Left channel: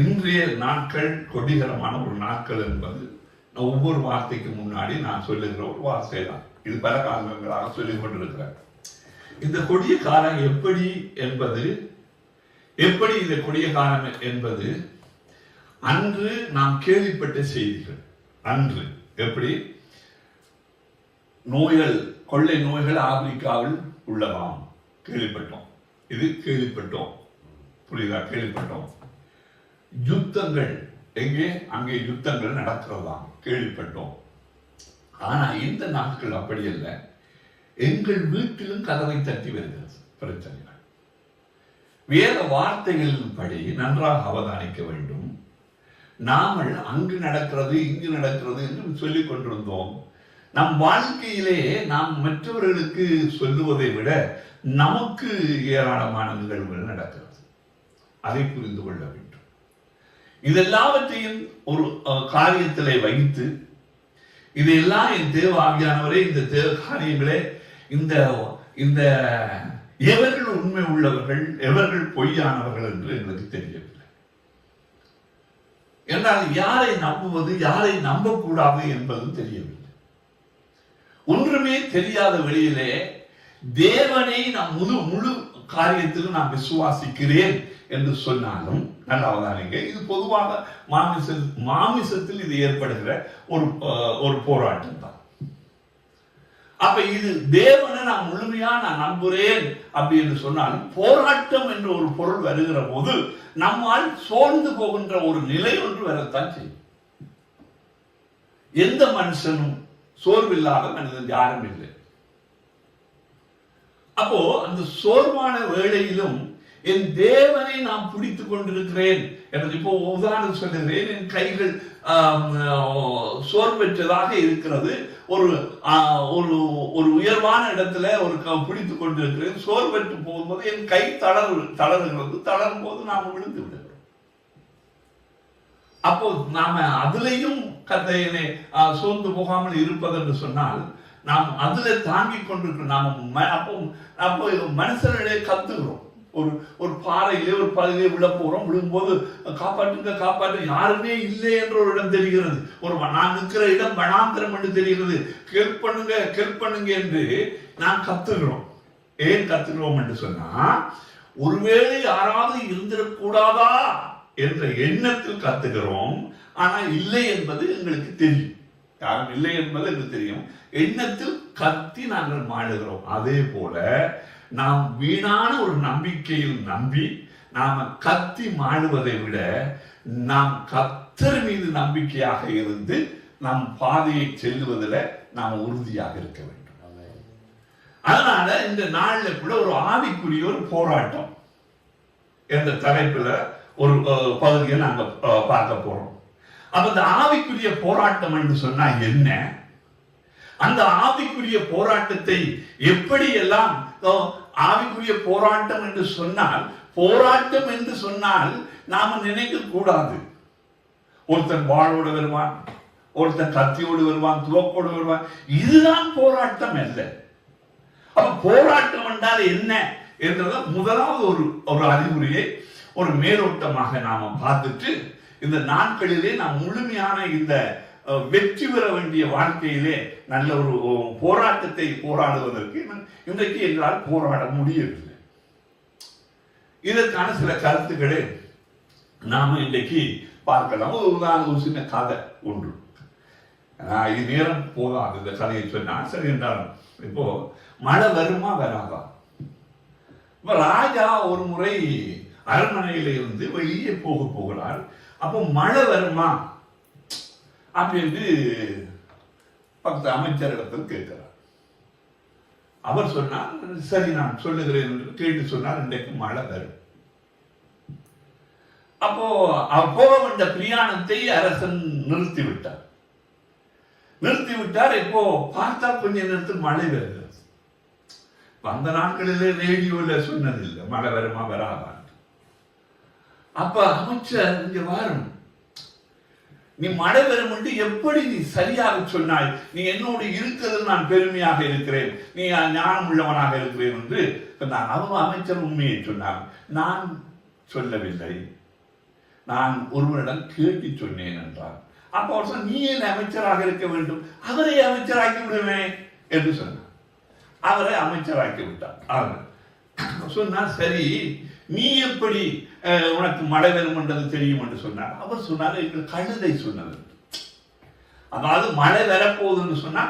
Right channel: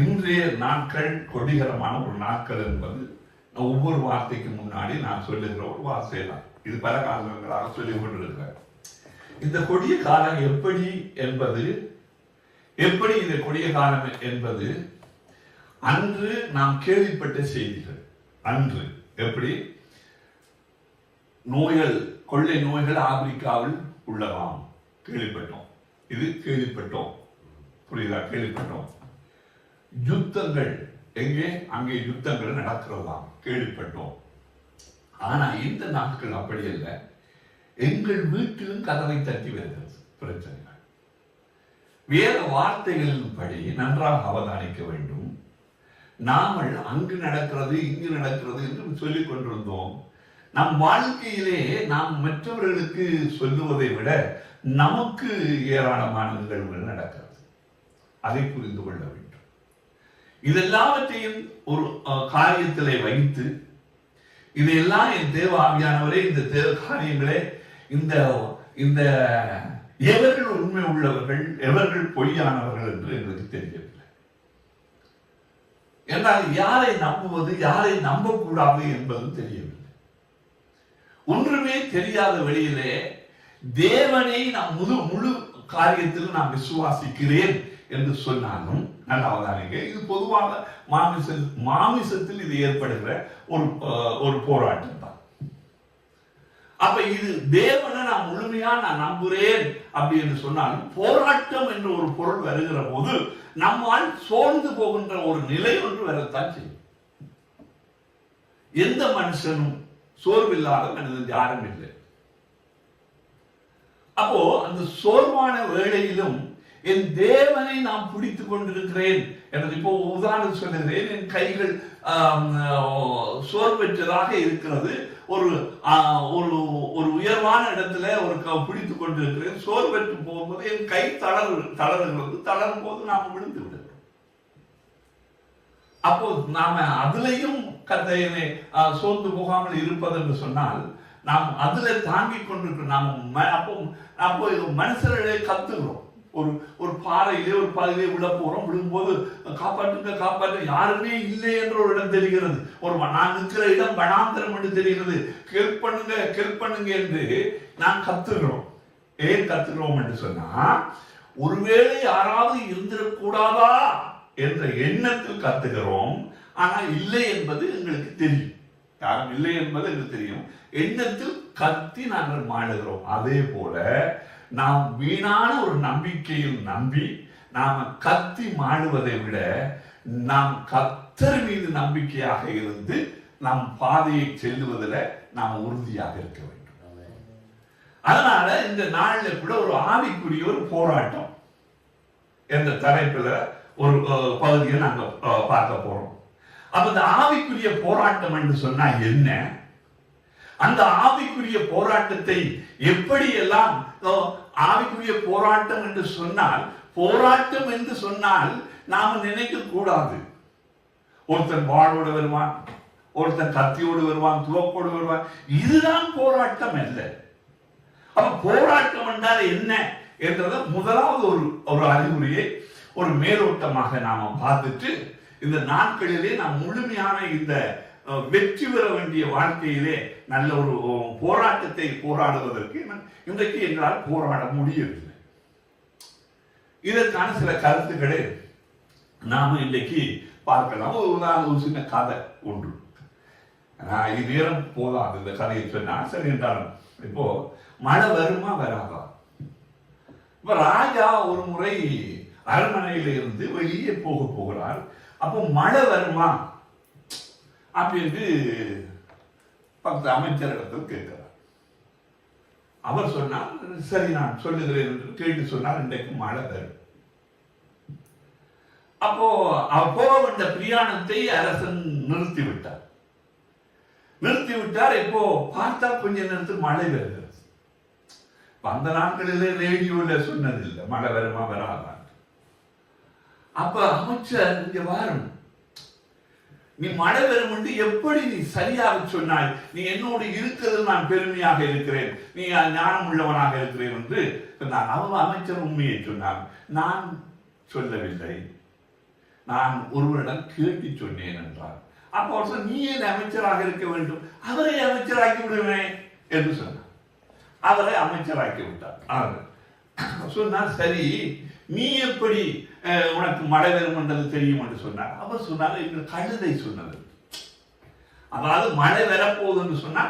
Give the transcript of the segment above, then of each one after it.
இன்றைய நாட்கள் கொடிகரமான ஒரு நாட்கள் என்பது ஒவ்வொரு வார்த்தைக்கு முன்னாடி நான் சொல்லுகிற ஒரு வார்த்தை தான். இது பல காரணங்களாக சொல்லிக் கொண்டிருக்கிறேன். இந்த கொடிய காலம் எப்படி இந்த கொடிய காலம் என்பது அன்று நாம் கேள்விப்பட்ட செய்திகள். அன்று எப்படி நோய்கள், கொள்ளை நோய்கள் ஆப்பிரிக்காவில் உள்ளதாம் கேள்விப்பட்டோம். இது கேள்விப்பட்டோம், புரியுதா? கேள்விப்பட்டோம். யுத்தங்கள் எங்கே அங்கே யுத்தங்கள் நடக்கிறதாம் கேள்விப்பட்டோம். ஆனா இந்த நாட்கள் அப்படி இல்லை. எங்கள் வீட்டிலும் கதவை தட்டி வருகிறது பிரச்சனைகள். வேத வார்த்தைகளின் படி நன்றாக அவதானிக்க வேண்டும். நாமல் அங்கு நடக்கிறது இங்கு நடக்கிறது என்று சொல்லிக் கொண்டிருந்தோம். நம் வாழ்க்கையிலே நாம் மற்றவர்களுக்கு சொல்லுவதை விட நமக்கு ஏராளமான நிகழ்வுகள் நடக்கிறது. அதை புரிந்து கொள்ள வேண்டும். இதெல்லாவற்றையும் ஒரு காரியத்திலே வைத்து இதையெல்லாம் என் தேவ ஆவியானவரே, இந்த தேவ காரியங்களே, இந்த எவர்கள் உண்மை உள்ளவர்கள் எவர்கள் பொய்யானவர்கள் என்று எங்களுக்கு தெரியவில்லை. என்றால் யாரை நம்புவது யாரை நம்பக்கூடாது என்பது தெரியவில்லை. ஒன்றுமே தெரியாத வெளியிலே தேவனை நாம் முழு காரியத்திலும் நான் விசுவாசிக்கிறேன் என்று சொன்னாலும் நல்ல அவதானிங்க, இது பொதுவாக மாமிசத்தில் இது ஏற்படுகிற ஒரு போராட்டம் தான். அப்ப இது தேவனை நான் முழுமையா நான் நம்புறேன் அப்படி என்று சொன்னாலும் போராட்டம் என்ற ஒரு பொருள் வருகிற போது நம்மால் சோர்ந்து போகின்ற ஒரு நிலை ஒன்று வரத்தான் செய்யும். எந்த மனுஷனும் சோர்வில்லாத மனிதன் யாரும் இல்லை. அப்போ அந்த சோர்வான வேளையிலும் என் தேவனை நான் பிடித்துக் கொண்டிருக்கிறேன் என்று இப்போ உதாரணம் சொல்லுகிறேன். என் கைகள் சோர்வற்றதாக இருக்கிறது. ஒரு உயர்வான இடத்துல பிடித்துக் கொண்டிருக்கிறேன். சோர்வற்று போகும்போது என் கை தளருகிறது. தளரும் போது நாம் விழுந்து விடுகிறோம். அப்போ நாம அதுலயும் கதையிலே சோர்ந்து போகாமல் இருப்பது என்று சொன்னால் நாம் அதுல தாங்கிக் கொண்டிருக்கிறோம். நாம அப்போ மனுஷர்களே கத்துகிறோம். ஒரு பாறையிலே ஒரு பகுதியிலே விழ போறோம். விழும்போது காப்பாற்று யாருமே இல்லை என்ற ஒரு இடம் தெரிகிறது. நான் நிற்கிற இடம் வனாந்திரம் என்று தெரிகிறது. ஹெல்ப் பண்ணுங்க என்று நான் கத்துகிறோம். ஏன் கத்துகிறோம் என்று சொன்னா, ஒருவேளை யாராவது இருந்திடக்கூடாதா என்ற எண்ணத்தில் கத்துகிறோம். ஆனா இல்லை என்பது எங்களுக்கு தெரியும். யாரும் இல்லை என்பது எங்களுக்கு தெரியும். எண்ணத்தில் கத்தி நாங்கள் மாடுகிறோம். அதே போல நாம் வீணான ஒரு நம்பிக்கையில் நம்பி நாம கத்தி மாடுவதை விட நாம் கர்த்தர் மீது நம்பிக்கையாக இருந்து நம் பாதையை செல்லுவதில் நாம் உறுதியாக இருக்க வேண்டும். அதனால இந்த நாள்ல கூட ஒரு ஆவிக்குரிய ஒரு போராட்டம் என்ற தலைப்புல ஒரு பகுதியை நாங்க பார்க்க போறோம். அப்ப இந்த ஆவிக்குரிய போராட்டம் என்று சொன்னா என்ன? அந்த ஆவிக்குரிய போராட்டத்தை எப்படி எல்லாம் ஆவிக்குரிய போராட்டம் என்று சொன்னால் நாம நினைக்க கூடாது. ஒருத்தன் வாழோடு வருவான், ஒருத்தன் கத்தியோடு வருவான், துவக்கோடு வருவான். இதுதான் போராட்டம் அல்ல. அப்ப போராட்டம் என்றால் என்ன என்றது முதலாவது ஒரு அறிகுறியை ஒரு மேலோட்டமாக நாம பார்த்துட்டு இந்த நாட்களிலே நாம் முழுமையான இந்த வெற்றி பெற வேண்டிய வாழ்க்கையிலே நல்ல ஒரு போராட்டத்தை போராடுவதற்கு இன்றைக்கு எங்களால் போராட முடியவில்லை. இதற்கான சில கருத்துக்களை நாம இன்றைக்கு பார்க்கலாம். ஒரு சின்ன கதை ஒன்று. இது நேரம் போதாது இந்த கதையை சொன்னா. சரி என்றாலும் இப்போ மழை வருமா வராதா? இப்ப ராஜா ஒரு முறை அரண்மனையில இருந்து வெளியே போகிறார். அப்போ மழை வருமா அப்படின்னு பக்கத்து அமைச்சரிடத்தில் கேட்கிறார். அவர் சொன்னார், சரி நான் சொல்லுகிறேன் என்று கேட்டு சொன்னார், இன்றைக்கு மழை வரும். அப்போ போக வேண்டிய பிரயாணத்தை அரசன் நிறுத்திவிட்டார். இப்போ பார்த்தா கொஞ்ச நேரத்துக்கு மழை வருகிறது. அந்த நாட்களிலே ரேடியோல சொன்னதில்லை மழை வருமா வராதான். அப்ப அமைச்சர் இங்க வரும், நீ மழை வரும் என்று எப்படி நீ சரியாக சொன்னாய்? நீ என்னோடு இருக்கிறது நான் பெருமையாக இருக்கிறேன், நீ ஞானம் உள்ளவனாக இருக்கிறேன் என்று சொன்னான். அமைச்சர் உண்மையை சொன்னார். நான் சொல்லவில்லை, நான் ஒருவரிடம் கேட்டு சொன்னேன் என்றார். அப்போ அவர் சொன்ன, நீ ஏன் அமைச்சராக இருக்க வேண்டும், அவரை அமைச்சராக்கி விடுவேன் என்று சொன்னார். அவரை அமைச்சராக்கி விட்டார். அவர் சொன்னார், சரி நீ எப்படி உனக்கு மழை வரும் என்றது தெரியும் என்று சொன்னார். அவர் சொன்னார், எங்கள் கழுதை சொன்னது. அதாவது மழை வரப்போகுது என்று சொன்னா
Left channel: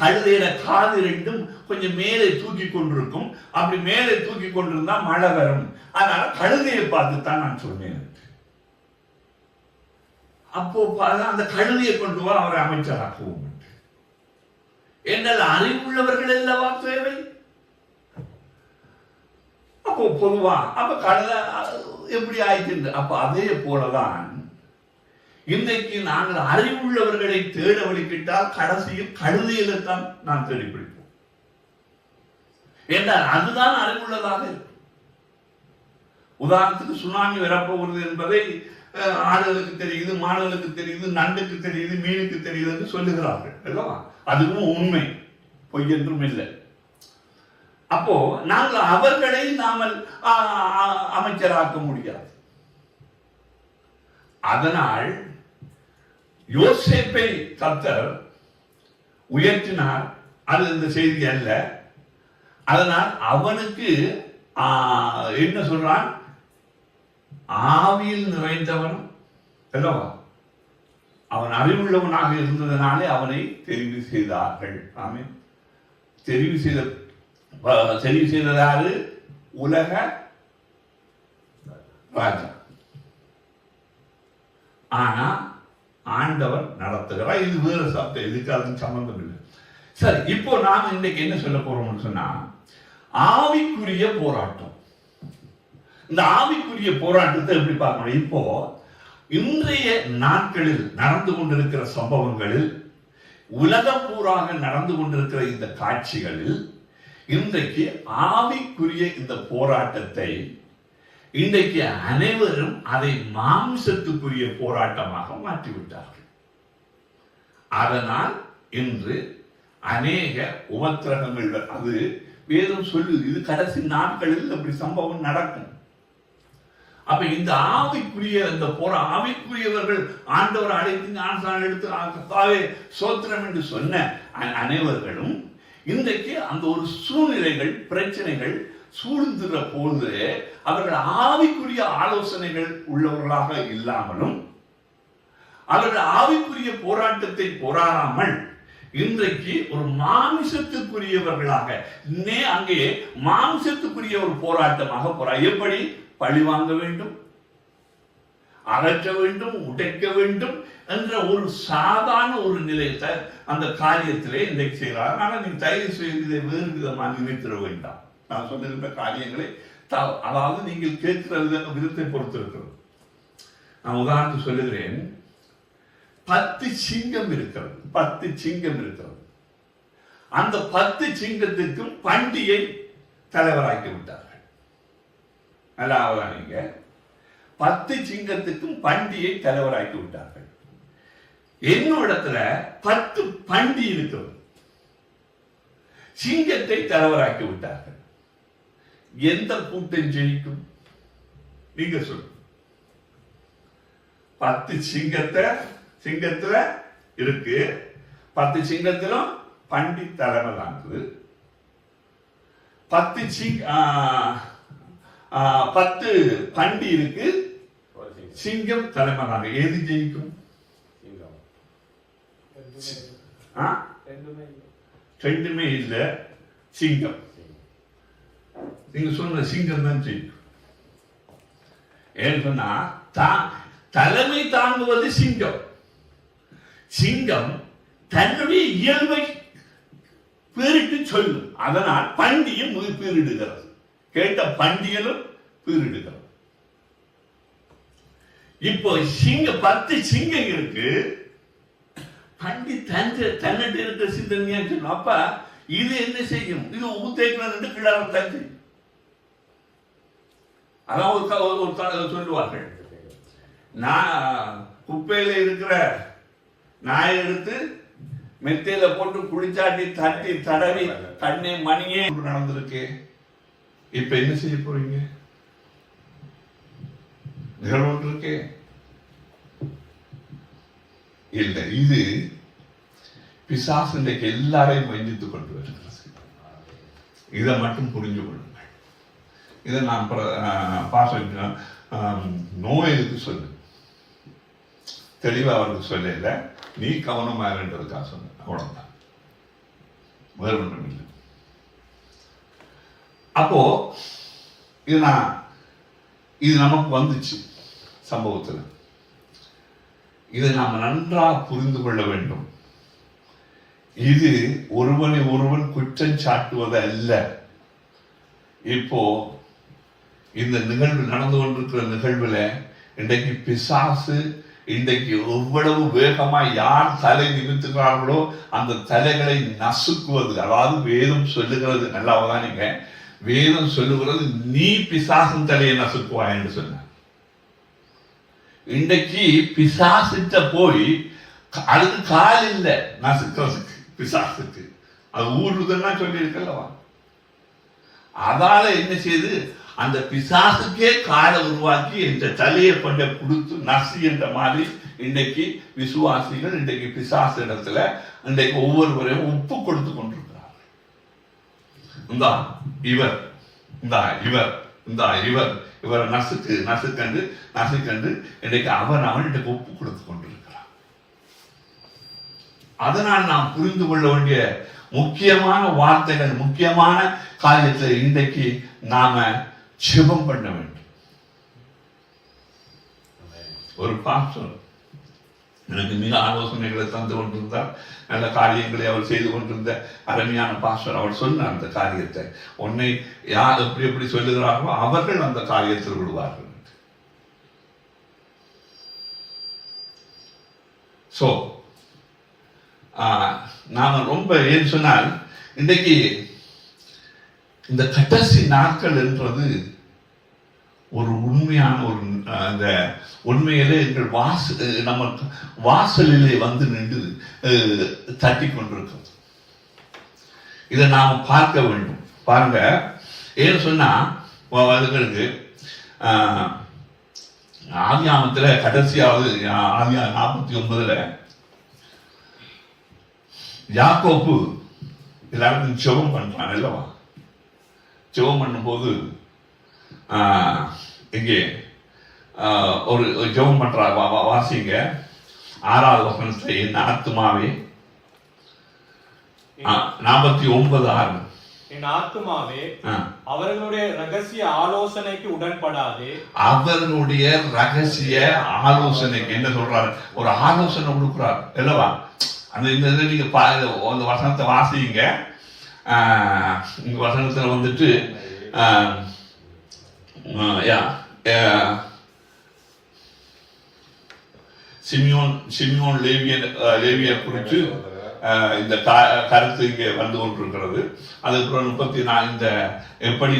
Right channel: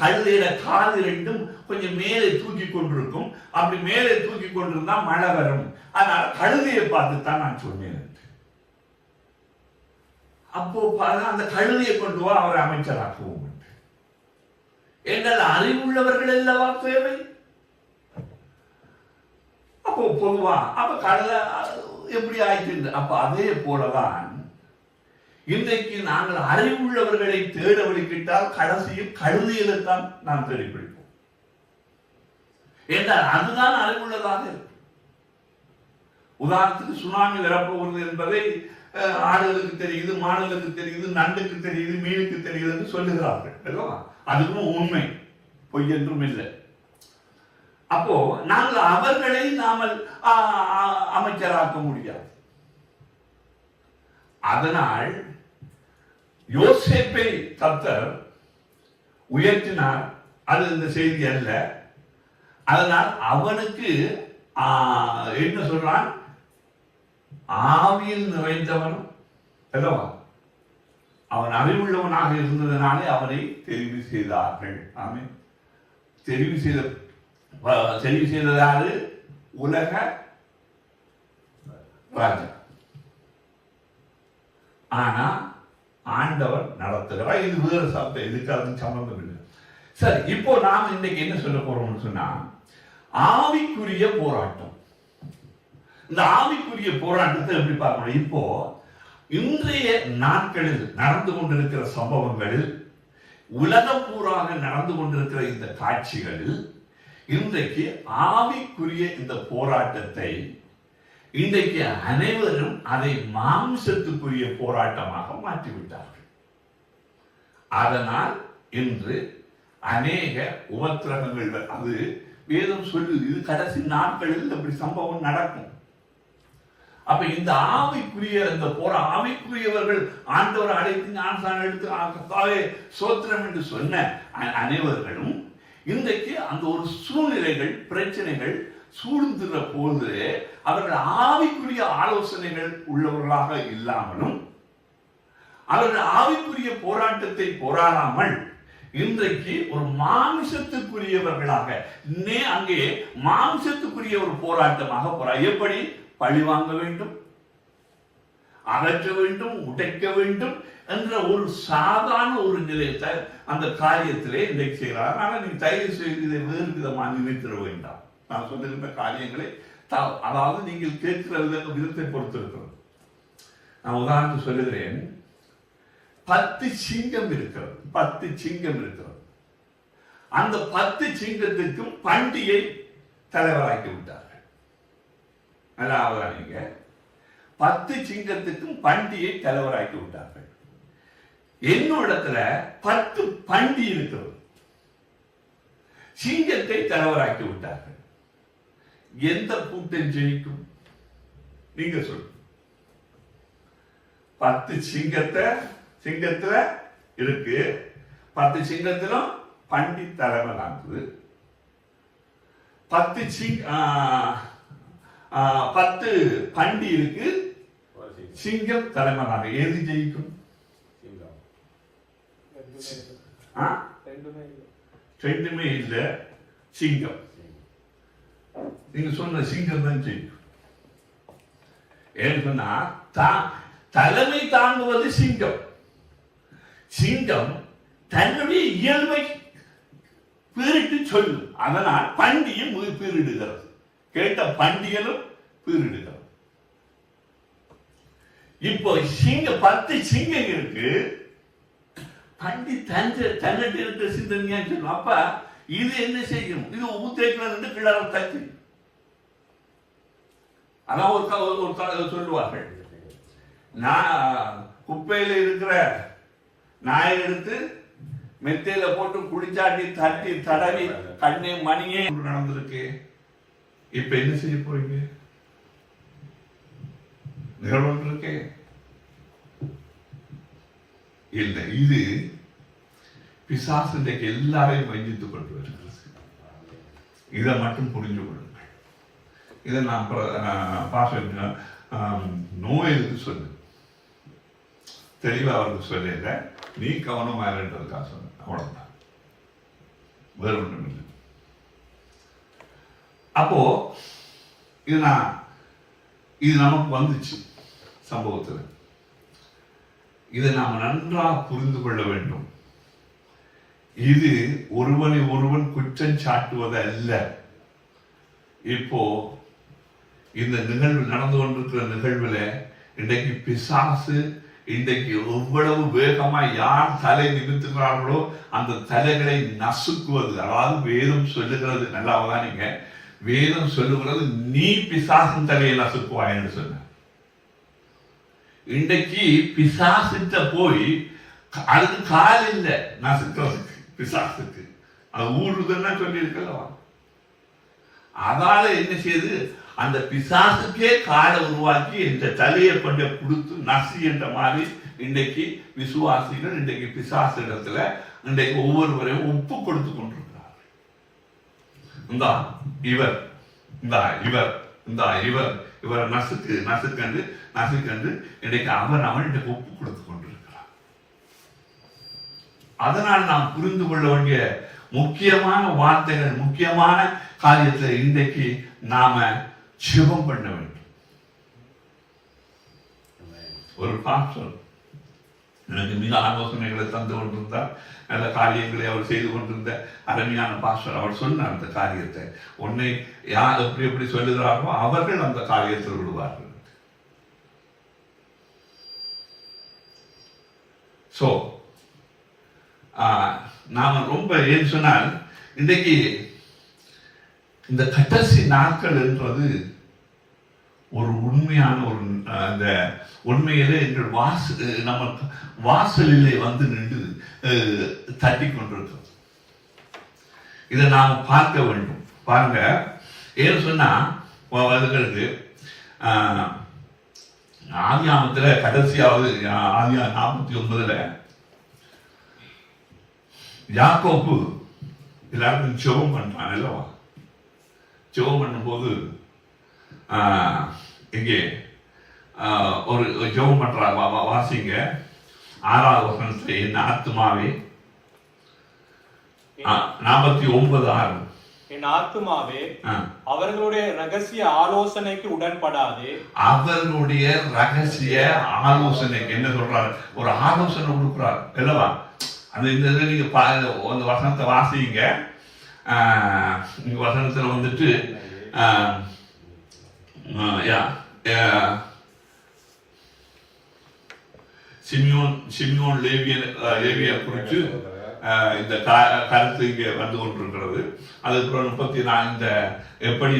கழுதையில காது ரெண்டும் கொஞ்சம் மேலே தூக்கி கொண்டிருக்கும். அப்படி மேலே தூக்கி கொண்டிருந்தா மழை வரும். அதனால கழுதையை பார்த்து தான் நான் சொன்னேன். அப்போ அந்த கழுதையை கொண்டு வா, அவரை அமைச்சராக்குவோம். எங்கள் அறிவுள்ளவர்கள் அல்லவா தேவை. அப்போ பொதுவா அப்ப கழுதை எப்படி ஆயிட்டு. அப்ப அதே போலதான் இன்றைக்கு நாங்கள் அறிவுள்ளவர்களை தேட வழிக்கிட்டால் கடைசியில் கழுதையில்தான் நாம் தேடி பிடிப்போம். என்றால் அதுதான் அறிவுள்ளதாக இருக்கும். உதாரணத்துக்கு சுனாமி வரப்போகிறது என்பதை ஆடுகளுக்கு தெரியுது, மாடுகளுக்கு தெரியுது, நண்டுக்கு தெரியுது, மீனுக்கு தெரியுது என்று சொல்லுகிறார்கள். அதுவும் உண்மை, பொய் என்றும் இல்லை. அப்போ நாங்கள் அவர்களை நாமல் அமைச்சராக்க முடியாது. அதனால் யோசேப்பை கர்த்தர் உயர்த்தினார். அது இந்த செய்தி அல்ல. அதனால் அவனுக்கு என்ன சொல்றான், ஆவியில் நிறைந்தவன், அவன் அறிவுள்ளவனாக இருந்ததனாலே அவனை தெரிவு செய்தார்கள். ஆமென். தெரிவு செய்ததாரு உலக ராஜா. ஆனா ஆண்டவர் நடத்துகிறார். இது வேற சப்தம், இதுக்கு அதுக்கு சம்பந்தம் இல்லை. சரி, இப்போ நாம் இன்னைக்கு என்ன சொல்ல போறோம்னு சொன்னா, ஆவிக்குரிய போராட்டம். இந்த ஆவிக்குரிய போராட்டத்தை எப்படி பார்க்கணும்? இப்போ இன்றைய நாட்களில் நடந்து கொண்டிருக்கிற சம்பவங்களில், உலகம் பூராக நடந்து கொண்டிருக்கிற இந்த காட்சிகளில் இன்றைக்கு ஆவிக்குரிய இந்த போராட்டத்தை இன்றைக்கு அனைவரும் அதை மாம்சத்துக்குரிய போராட்டமாக மாற்றிவிட்டார்கள். அதனால் இன்று அநேக உபத்திரகங்கள், அது வேதம் சொல்லு, இது கடைசி நாட்களில் அப்படி சம்பவம் நடக்கும். அப்ப இந்த ஆவிக்குரிய இந்த ஆவிக்குரியவர்கள் ஆண்டவர் அழைத்து ஞானஸ்நானம் எடுத்து சோத்திரம் என்று சொன்ன அனைவர்களும் இன்றைக்கு அந்த ஒரு சூழ்நிலைகள், பிரச்சனைகள் சூழ்ந்துற போது அவர்கள் ஆவிக்குரிய ஆலோசனைகள் உள்ளவர்களாக இல்லாமலும், அவர்கள் ஆவிக்குரிய போராட்டத்தை போராடாமல் இன்றைக்கு ஒரு மாம்சத்துக்குரியவர்களாக, அங்கே மாம்சத்துக்குரிய ஒரு போராட்டமாக எப்படி பழி வாங்க வேண்டும், அகற்ற வேண்டும், உடைக்க வேண்டும் என்ற ஒரு சாதாரண ஒரு நிலையத்தை அந்த காரியத்திலே இன்றைக்கு செய்கிறார். ஆனால் நீ தயவு செய்து இதை வேறு விதமாக நினைத்திட வேண்டாம். நான் சொல்லுகின்ற காரியங்களை அதாவது நீங்கள் கேட்கிற விதத்தை பொறுத்து இருக்கிறது. நான் உதாரணத்துக்கு சொல்லுகிறேன். 10 சிங்கம் இருக்கிறது. 10 சிங்கம் இருக்கிறது. அந்த 10 சிங்கத்திற்கும் பண்டிகை தலைவராக்கி விட்டார்கள். நல்லா நீங்க 10 சிங்கத்துக்கும் பண்டிகை தலைவராக்கி விட்டார்கள். என்னிடத்துல 10 பண்டி இருக்கிறது. சிங்கத்தை தலைவராக்கி விட்டார்கள். எந்த கூட்டம் ஜெயிக்கும்? நீங்க சொல்லுங்க. 10 சிங்கத்துல இருக்கு. 10 சிங்கத்திலும் பண்டி தலைவராக்குது. 10 பண்டி இருக்கு, சிங்கம் தலைவராக. எது ஜெயிக்கும்? ரெண்டுமே இல்ல, சிங்கம். நீங்க சொன்ன சிங்கம் தான் ஜெயிக்கும். ஏன்னு சொன்னா தலைமை தாங்குவது சிங்கம். சிங்கம் தன்னுடைய இயல்பை பீரிட்டு சொல்லும். அதனால் பண்டியும் பீரிடுகிறது. கேட்ட பண்டிகளும் பீரிடுகிறது. இப்போ 10 சிங்கம் இருக்கு. பண்டி தன்னிட்டு இருக்கிற சிந்தனையா சொல்லும். அப்ப இது என்ன செய்யும்? இது ஊத்தேக்கணும் கிடார தச்சு. அதான் ஒரு சொல்லுவார்கள், நான் குப்பையில இருக்கிற நாயை எடுத்து மெத்தையில போட்டு குளிச்சாட்டி தட்டி தடவி கண்ணே மணியே நடந்திருக்கு. இப்ப என்ன செய்ய போறீங்க? நிகழ்வு இருக்கே இல்லை. இது பிசாசு இன்றைக்கு எல்லாரையும் வஞ்சித்துக் கொண்டு வருகிறது. இதை மட்டும் புரிஞ்சு கொள்ளுங்கள். இதை நான் நோயலுக்கு சொல்லு தெளிவா அவருக்கு சொல்லல, நீ கவனமா இருன்றதுக்காக சொன்ன, அவ்வளவுதான், வேறு ஒன்றும் இல்லை. அப்போ இது நமக்கு வந்துச்சு சம்பவத்தில். இதை நாம் நன்றாக புரிந்து கொள்ள வேண்டும். இது ஒருவனை ஒருவன் குற்றம் சாட்டுவது அல்ல. இப்போ இந்த நிகழ்வு நடந்து கொண்டிருக்கிற நிகழ்வுல இன்றைக்கு பிசாசு இன்றைக்கு எவ்வளவு வேகமா யார் தலை நிமித்துகிறார்களோ அந்த தலைகளை நசுக்குவது. அதாவது வேதம் சொல்லுகிறது, நல்லா அவதானிங்க, வேதம் சொல்லுகிறது நீ பிசாசின் தலையை நசுக்குவாய் என்று சொன்ன. இன்றைக்கு பிசாசிட்ட போய் அதுக்கு கால் இல்லை நசுக்கிறதுக்கு, பிசாசுக்கு அது ஊருதுன்னா சொல்லி இருக்கல்லவா. அதால என்ன செய்யுது, அந்த பிசாசுக்கே காலை உருவாக்கி இந்த தலையை கொண்ட கொடுத்து நசி என்ற மாதிரி இன்றைக்கு விசுவாசிகள் இன்றைக்கு பிசாசு இடத்துல இன்றைக்கு ஒவ்வொருவரையும் ஒப்பு கொடுத்து கொண்டிருக்கிறார்கள். இந்தா இவர், இந்தா இவர், இந்தா இவர், இவரை நசுக்கண்டு இன்றைக்கு அவன் இன்றைக்கு ஒப்பு கொடுத்து கொண்டிருக்கிறார். அதனால் நாம் புரிந்து கொள்ள வேண்டிய முக்கியமான வார்த்தைகள், முக்கியமான காரியத்தில் இன்றைக்கு நாம ஜெபம் பண்ண வேண்டும். ஒரு பாஸ்டர் எனக்கு மிக ஆலோசனைகளை தந்து கொண்டிருந்தார், நல்ல காரியங்களை அவர் செய்து கொண்டிருந்த அருமையான பாஸ்டர். அவர் சொன்ன அந்த காரியத்தை உன்னை யார் எப்படி எப்படி சொல்லுகிறார்களோ அவர்கள் அந்த காரியத்தில் விடுவார்கள். சோ நாம ரொம்ப ஏன்னு சொன்னால் இன்றைக்கு இந்த கடைசி நாட்கள் என்றது ஒரு உண்மையான ஒரு அந்த உண்மையிலே எங்கள் நம்ம வாசலிலே வந்து நின்று தட்டி கொண்டிருக்கிறோம். இதை நாம் பார்க்க வேண்டும். பாருங்க, ஏன்னு சொன்னா ஆதியாமத்துல கடைசியாவது ஆதியா 49 யாக்கோப்பு எல்லாருக்கும் ஜெபம் பண்றான் அல்லவா. ஜெபம் பண்ணும்போது இங்கே ஒரு ஜெபம் பண்றா, வாசிங்க 6வது வசனத்தை, என் ஆத்துமாவே 49:6, என் ஆத்துமாவே அவர்களுடைய ரகசிய ஆலோசனைக்கு உடன்படாதே. அவர்களுடைய ரகசிய ஆலோசனை என்ன சொல்றாரு, ஒரு ஆலோசனை கொடுக்கிறார் அல்லவா. அந்த நீங்க அந்த வசனத்தை வாசிங்க. வசனத்தில் வந்துட்டு சிமியோன் லேவியர் குறித்து இந்த கருத்து இங்கே வந்து கொண்டிருக்கிறது. அதுக்கப்புறம் 34 இந்த எப்படி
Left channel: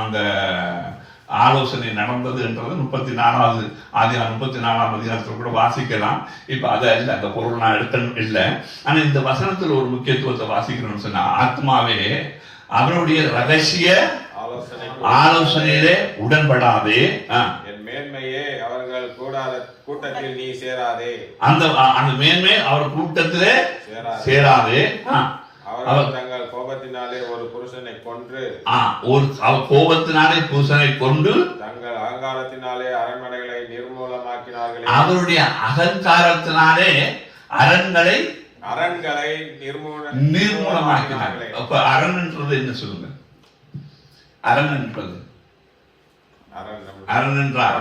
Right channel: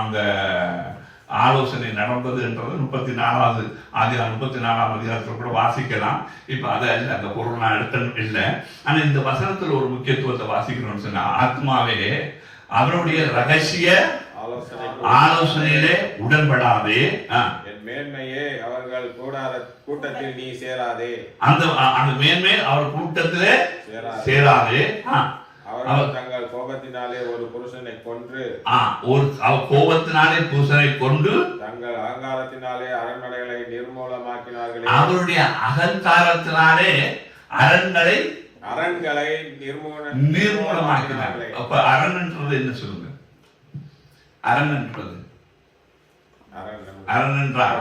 அந்த ஆலோசனை நடந்தது என்றது 34வது ஆதியாகமம் 34ஆம் அதிகாரத்தில் கூட வாசிக்கலாம். இப்ப அதை இல்லை, அந்த பொருள் நான் எடுக்கணும் இல்லை. ஆனா இந்த வசனத்தில் ஒரு முக்கியத்துவத்தை வாசிக்கணும்னு சொன்னா, ஆத்மாவே அவனுடைய ரகசிய ஆலோசனையிலே உடன்படாதே, மேன்மையே அவர்கள் கூட்டத்தில் நீ சேராதே, அந்த மேன்மை அவர் கூட்டத்திலே சேராதே. அவர் தங்கள் கோபத்தினாலே ஒரு புருஷனை கொன்று, கோபத்தினாலே புருஷனை கொண்டு தங்கள் அகங்காரத்தினாலே அரண்மனைகளை நிர்மூலமாக்கினார்கள். அவருடைய அகங்காரத்தினாலே அரண்களை நிர்மூலமாக்கினார்கள். அப்ப அரண் என்றது என்ன சொல்லுங்க? அரண் என்பது, அரண் என்றால்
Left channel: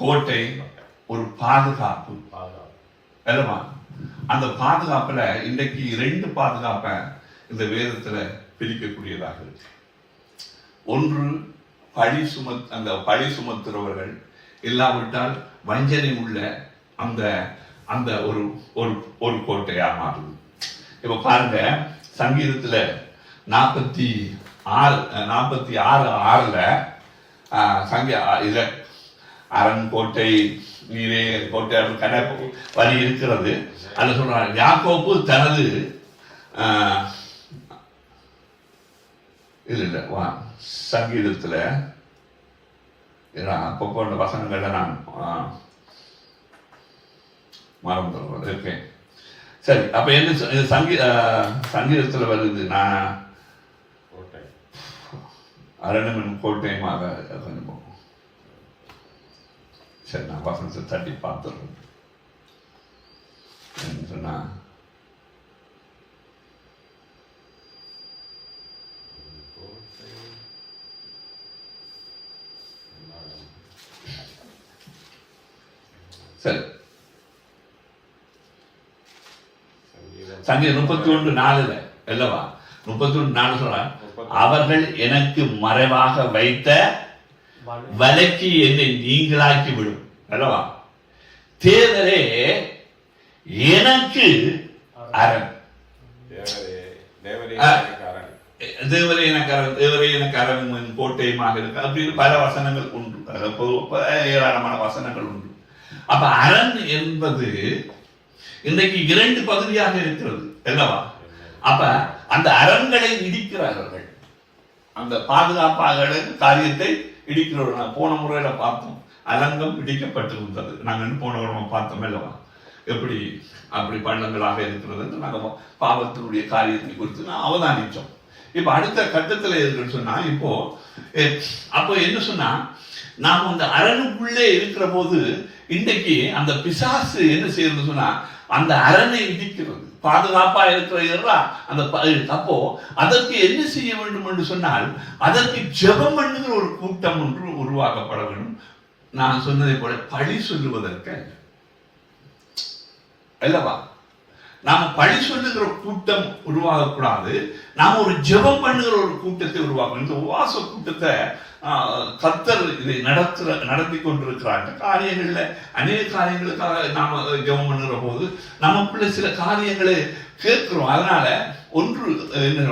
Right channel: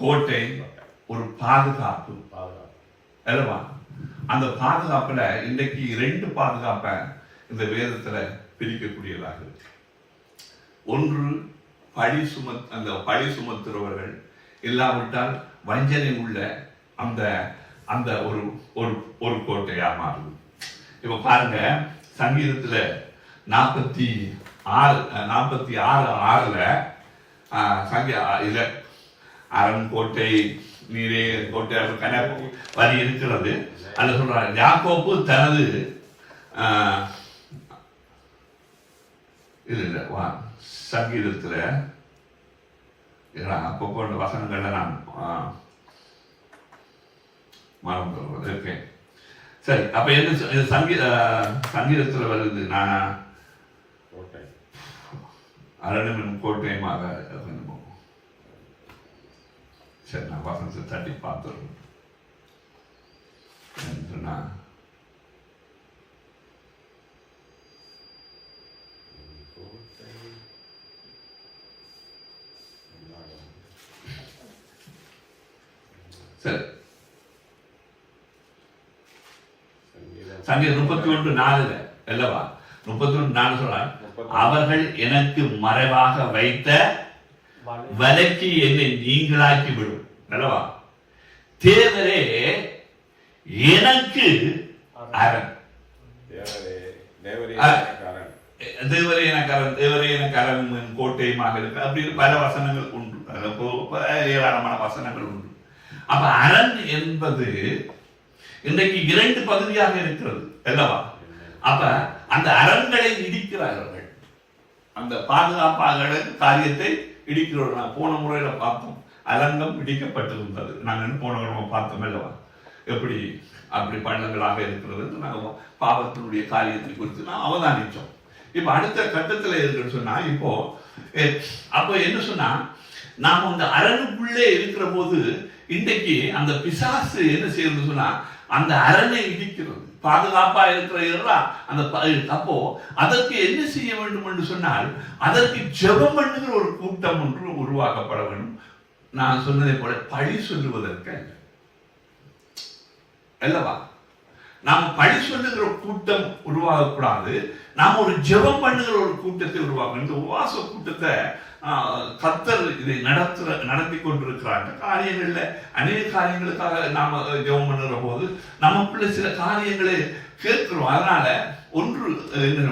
கோட்டை, ஒரு பாதுகாப்பு அல்லவா. அந்த பாதுகாப்புல இன்றைக்கு 2 பாதுகாப்பை இந்த வேதத்துல பிரிக்கக்கூடியதாக இருக்கு. ஒன்று அந்த பழி சுமத்துறவர்கள், இல்லாவிட்டால் வஞ்சனை உள்ள அந்த அந்த ஒரு ஒரு கோட்டையா மாறுது. இப்ப பாருங்க, சங்கீதத்துல 46:6 அரண் கோட்டை நீரே கோட்டை கணக்கு வரி இருக்கிறது. அது சொல்றாங்க, யாக்கோப்பு தனது சங்கீதத்துல அப்பப்போ அந்த வசனங்களை நான் மறந்துடுறது இருக்கேன். சரி, அப்ப என்ன சங்கீதத்தில் வருது, நான் அரணும் கோட்டையுமாக. சரி, நான் வசனத்தை தட்டி பார்த்துடுறேன். சொன்னா சரி, சங்கீதம் 31:4 அல்லவா? 31:4 சொல்ற, அவர்கள் எனக்கு மறைவாக வைத்த வலைக்கு என்னை நீங்களாக்கி விடும் அல்லவா? தேவரே எனக்கு அரண், தேவரே எனக்கு அரண், தேவரே எனக்கு அரண் கோட்டையுமாக இருக்கு. அப்படின்னு பல வசனங்கள் உண்டு, ஏராளமான வசனங்கள் உண்டு. அப்ப அரண் என்பது இன்றைக்கு 2 பகுதியாக இருக்கிறது அல்லவா? அப்ப அந்த அரண்களை இடிக்கிறார்கள், அந்த பாதுகாப்பாக காரியத்தை இடிக்கிறோம். நான் போன முறையில பார்த்தோம், அலங்கம் இடிக்கப்பட்டிருந்தது. நாங்கள் போன முறை பார்த்தோம் அல்லவா? எப்படி அப்படி பள்ளங்களாக இருக்கிறது என்று நாங்கள் பாவத்தினுடைய காரியத்தை குறித்து நான் அவதானித்தோம். இப்ப அடுத்த கட்டத்தில் இருக்குன்னு சொன்னா, அப்போ என்ன சொன்னா, நாம் அந்த அரணுக்குள்ளே இருக்கிற போது இன்றைக்கு அந்த பிசாசு என்ன செய்யறது சொன்னா, அந்த அரணை இடிக்கிறது. பாதுகாப்பா இருக்கிற இதெல்லாம் அந்த அப்போ அதற்கு என்ன செய்ய வேண்டும் என்று சொன்னால், அதற்கு ஜெபம் பண்ணுகிற ஒரு கூட்டம் ஒன்று உருவாக்கப்பட வேண்டும். நான் சொன்னதை போல பழி சொல்லுவதற்கு அல்லவா? நாம் பழி சொல்லுகிற கூட்டம் உருவாகக்கூடாது. நாம் ஒரு ஜெபம் பண்ணுகிற ஒரு கூட்டத்தை உருவாக்கணும். இந்த உபவாச கூட்டத்தை கர்த்தர் இதை நடத்தி கொண்டிருக்கிறார். காரியங்கள்ல அநேக காரியங்களுக்காக நாம ஜெபம் பண்ணுகிற போது நமக்குள்ள சில காரியங்களை கேட்கிறோம். அதனால ஒன்று என்ன,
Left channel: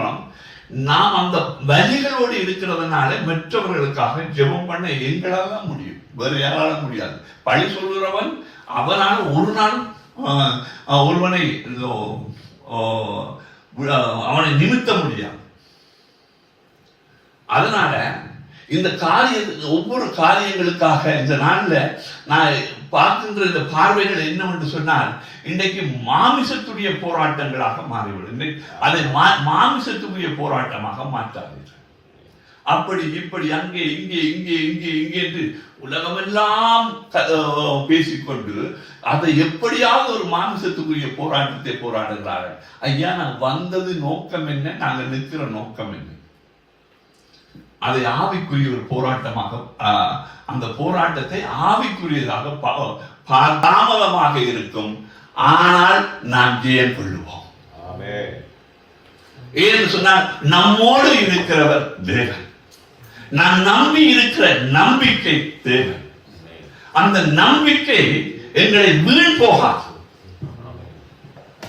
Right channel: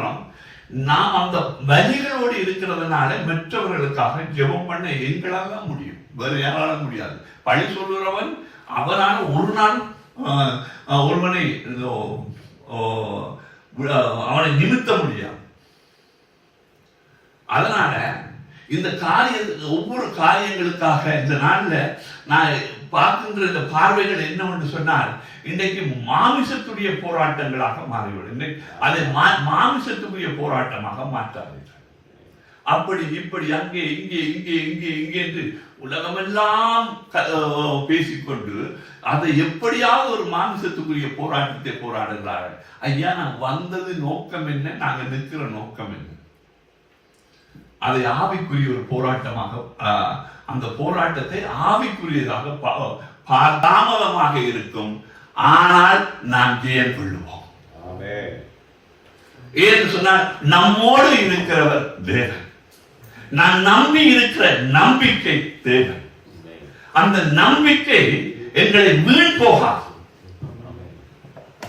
நாம் அந்த வலிகளோடு இருக்கிறதுனால மற்றவர்களுக்காக ஜெபம் பண்ண எங்களால் தான் முடியும், வேறு யாரால முடியாது. பழி சொல்லுகிறவன் அவனால ஒரு நாள் ஒருவனை அவனை நிமித்த முடியாது. அதனால இந்த ஒவ்வொரு காரியங்களுக்காக இந்த நாள்ல நான் பார்க்கின்ற இந்த பார்வைகள் என்னவென்று சொன்னால், இன்றைக்கு மாமிசத்துடைய போராட்டங்களாக மாறிவிடும். அதை மாமிசத்துடைய போராட்டமாக மாற்றாதீர்கள். அப்படி இப்படி அங்கே இங்கே இங்கே இங்கே இங்கே என்று உலகமெல்லாம் பேசிக்கொண்டு அதை எப்படியாவது ஒரு மாமிசத்துக்குரிய போராட்டத்தை போராடுகிறார்கள். ஐயா, நான் வந்தது நோக்கம் என்ன, நாங்கள் நிற்கிற நோக்கம் என்ன? அதை ஆவிக்குரிய ஒரு போராட்டமாக, அந்த போராட்டத்தை ஆவிக்குரியதாக தாமதமாக இருக்கும், ஆனால் நான் ஜெயம் கொள்ளுவோம். ஏன்னு சொன்னால், நம்மோடு இருக்கிறவர் தேவன், நான் நம்பி இருக்கிற நம்பிக்கை தேவன். அந்த நம்பிக்கை எங்களை வீண் போகாது.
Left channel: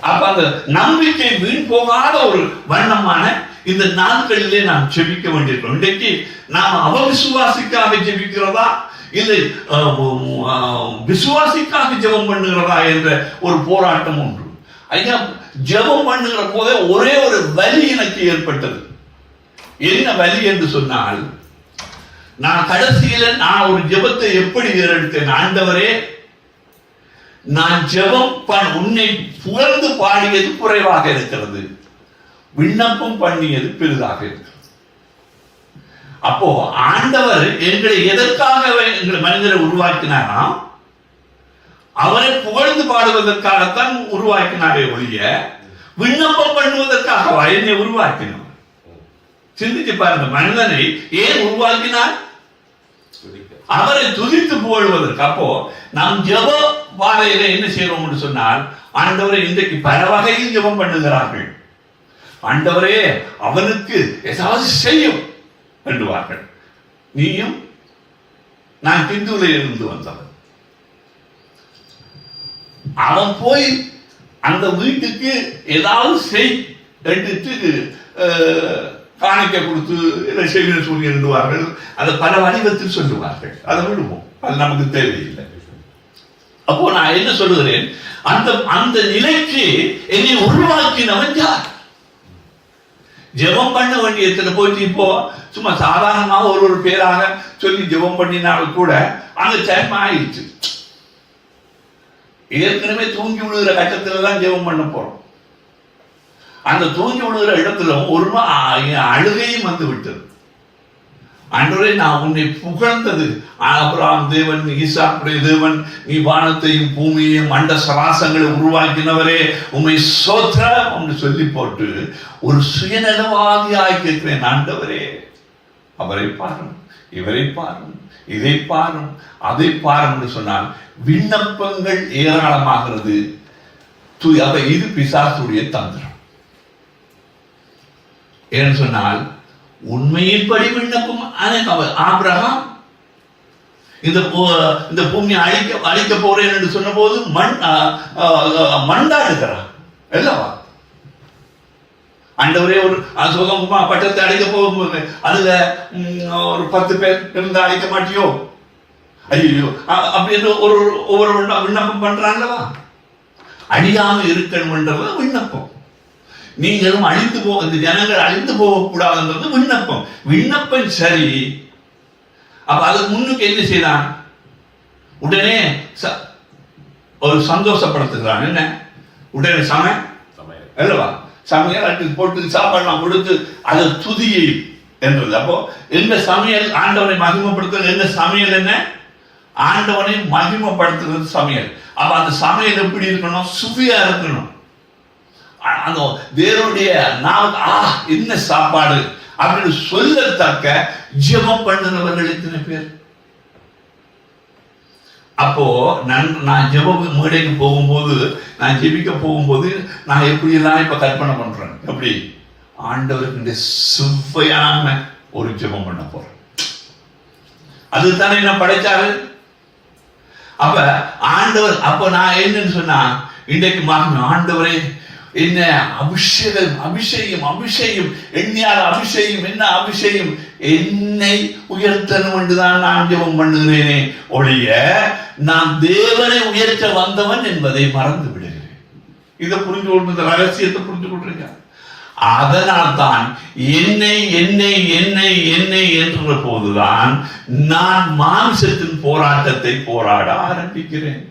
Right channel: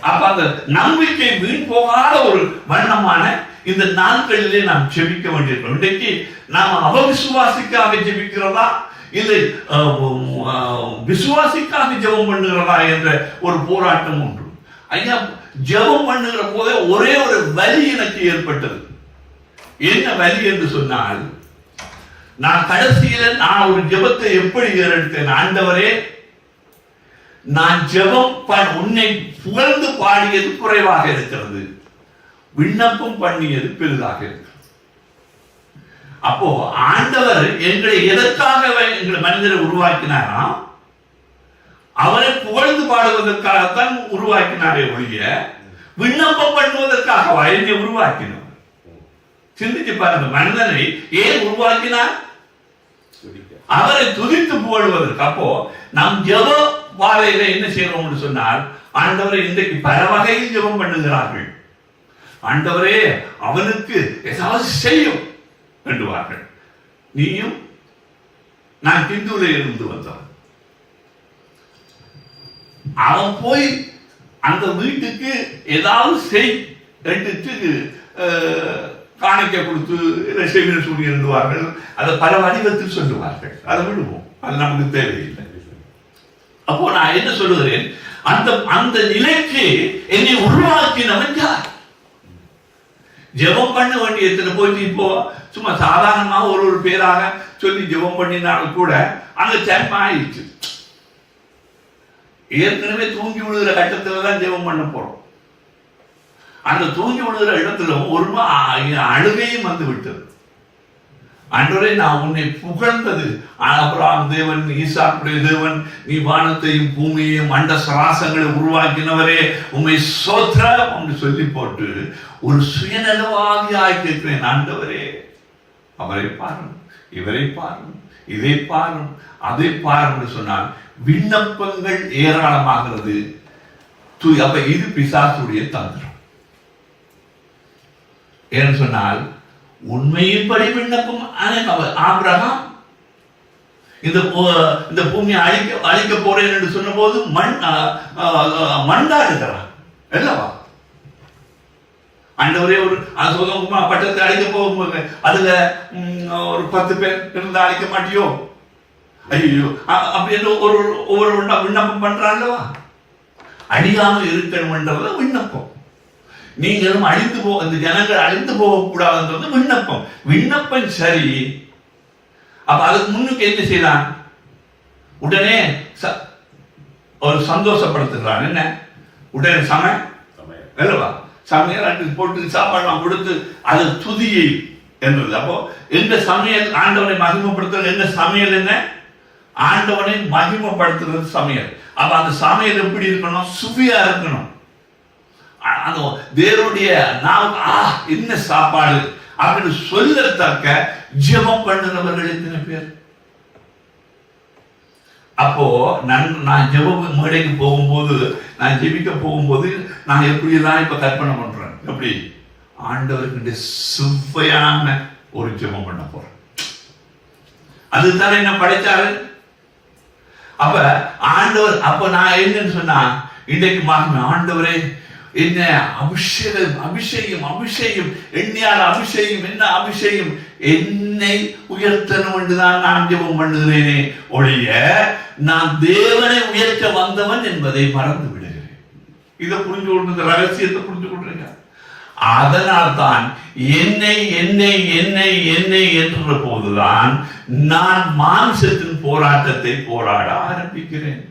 அப்ப அந்த நம்பிக்கை வீண் போகாத ஒரு வண்ணமான இந்த நாட்களிலே நாம் ஜெபிக்க வேண்டியிருக்கிறோம். இன்றைக்கு நாம் அவவிசுவாசிக்காக ஜெபிக்கிறதா இல்லை விசுவாசிக்காக ஜெபம் பண்ணுகிறதா என்ற ஒரு போராட்டம் உண்டு. ஐயா, ஜெபம் பண்ணுகிற போதே ஒரே ஒரு வலி எனக்கு ஏற்பட்டது. என்ன வலி என்று சொன்னால், நான் கடைசியில நான் ஒரு ஜெபத்தை எப்படி ஏறெடுத்தேன், ஆண்டவரே, நான் ஜெபம் உன்னை புகழ்ந்து பாடியது குறைவாக இருக்கிறது, விண்ணப்பம் பண்ணியது பெரிதாக இருக்கிறது. அப்போ ஆண்டவர் எங்களை எதற்காக எங்களை மனிதரை உருவாக்கினாராம்? அவரை புகழ்ந்து பாடுவதற்காகத்தான் உருவாக்கினாரே ஒழிய விண்ணப்பம் பண்ணுவதற்காக என்னை உருவாக்கினார். சிந்திச்சு பாருங்க, மனிதனை ஏன் உருவாக்கினார்? அவரை துதித்து புகழ்வதற்கு. அப்போ நம் ஜெப பாதையில என்ன செய்யறோம் சொன்னால், ஆண்டவரை இன்றைக்கு பல வகையில் ஜெபம் பண்ணுகிறார்கள். ஆண்டவரே, அவனுக்கு ஏதாவது செய்யும் என்றுவார்கள். நீயும் நான் திந்துவில் இருந்து வந்தான், அவன் போய் அந்த வீட்டுக்கு ஏதாவது செய் எடுத்து காணிக்க கொடுத்து செய்தி சொல்லி எழுதுவார்கள். அதை பல வடிவத்தில் சொல்லுவார்கள். அதை விடுவோம், அது நமக்கு தேவையில்லை. அப்போ நான் என்ன சொல்லுகிறேன், அந்த நிலைக்கு என்னை உருவாக்கினவன் யார்? ஜெபம் பண்ண வேண்டியதுல போயிட்டு இப்போ சும்மா சாதாரணமாக ஒரு பேராக சொல்லி ஜெபம் பண்ணினாலும் கூட அங்க டைம் ஆயிடுச்சு. ஏற்கனவே தூங்கி விழுகிற கட்டத்துல தான் ஜெபம் பண்ண போறோம். அந்த தூங்கி விழுகிற இடத்துல ஒரு அழுகையும் வந்து விட்டது. ஆண்டவரே, நான் உன்னை புகழ்ந்தது ஆபிரகாம் தேவன், ஈசாக்குடைய தேவன், நீ வானத்தையும் பூமியையும் அண்ட சராசங்களை உருவாக்கினவரே, உண்மை ஸ்தோத்திரம் என்று சொல்லி போட்டு ஒரு சுயநலவாதியாய் கேட்கிறேன். ஆண்டவரே, அவரை பாரும், இவரை பாரும், இதை பாரும், அதை பாரும் என்று சொன்னால் விண்ணப்பங்கள் ஏராளமாகிறது. அப்ப இது பிசாசுடைய தந்திரம். ஏன்னு சொன்னால் உண்மையின்படி விண்ணப்பம் ஆபிரகாம் இந்த பூமியை அழிக்க போறேன் என்று சொன்ன போது மண்டாடுகிறார் அல்லவா? ஆண்டவரே, ஒரு சுகமா பட்டத்தை அழிக்க போகும்போது அதுல ஒரு 10 பேர் இருந்து அழிக்க மாட்டியோ? ஐயோ, அப்படின்னு ஒவ்வொரு விண்ணப்பம் பண்றாங்களா? அழியாம இருக்கணும்ன்றது விண்ணப்பம். நீங்களும் அழிந்து இந்த ஜனங்கள் அழிந்து போகக்கூடாதுன்றது விண்ணப்பம். விண்ணப்பம் சரி. அப்ப அதுக்கு முன்னுக்கு என்ன செய்யலாம்? உடனே ஒரு சந்தோஷப்படுத்துகிறான். என்ன? உடனே அல்லவா? சமையல் அடுத்து போட்டு சாப்பாடுலாம் கொடுத்து அது துதியை என்றது. அப்போ எந்த சமையல் ஆண்டவனை மகிமைப்படுத்துறது? என்ன சமையல்? என்ன? ஆண்டவனை மகிமைப்படுத்துறது சமையல். அப்ப அந்த சமையல் எப்படி இருக்கணும்? சுவையா இருக்கணும். அந்த தேவனுடைய நாவுக்கு என்ன சாப்பாடு அப்படின்னு சொல்லத்தக்க ஜெபம் பண்ணுறவர்கள் எத்தனை பேர்? அப்போ நான் ஜெப மேடைக்கு போகும்போது, நான் ஜெபிக்க போகும்போது நான் எப்படி எல்லாம் இப்ப கற்பனை பண்றேன். எப்படி? ஆண்டவருக்கு சுவையான ஒரு ஜெபம் பண்ண போறேன். அதுதானே என்ன படைச்சாரு. அப்ப ஆண்டவர், அப்ப நான் என்னன்னு சொன்னா, இன்றைக்கு மாறின ஆண்டவரே, என்ன அபிஷேகம், அபிஷேகம், அபிஷேகம், எண்ணியால் அபிஷேகம், என்ன அபிஷேகம், என்னை உயர்த்தணும் என்றுதான் நான் ஜெபம் பண்ணுகிறேனே ஒழிய நான் தேவனை உயர்த்த வந்தவன் என்பதை மறந்து விடுகிறேன். இதை புரிஞ்சு கொண்டு ரகசியத்தை புரிஞ்சு கொண்டிருக்க. அதனால்தான் என்னை என்னை என்னை என்னை என்ற போதுதான் நான் மாம்சத்தின் போராட்டத்தை போராட ஆரம்பிக்கிறேன்.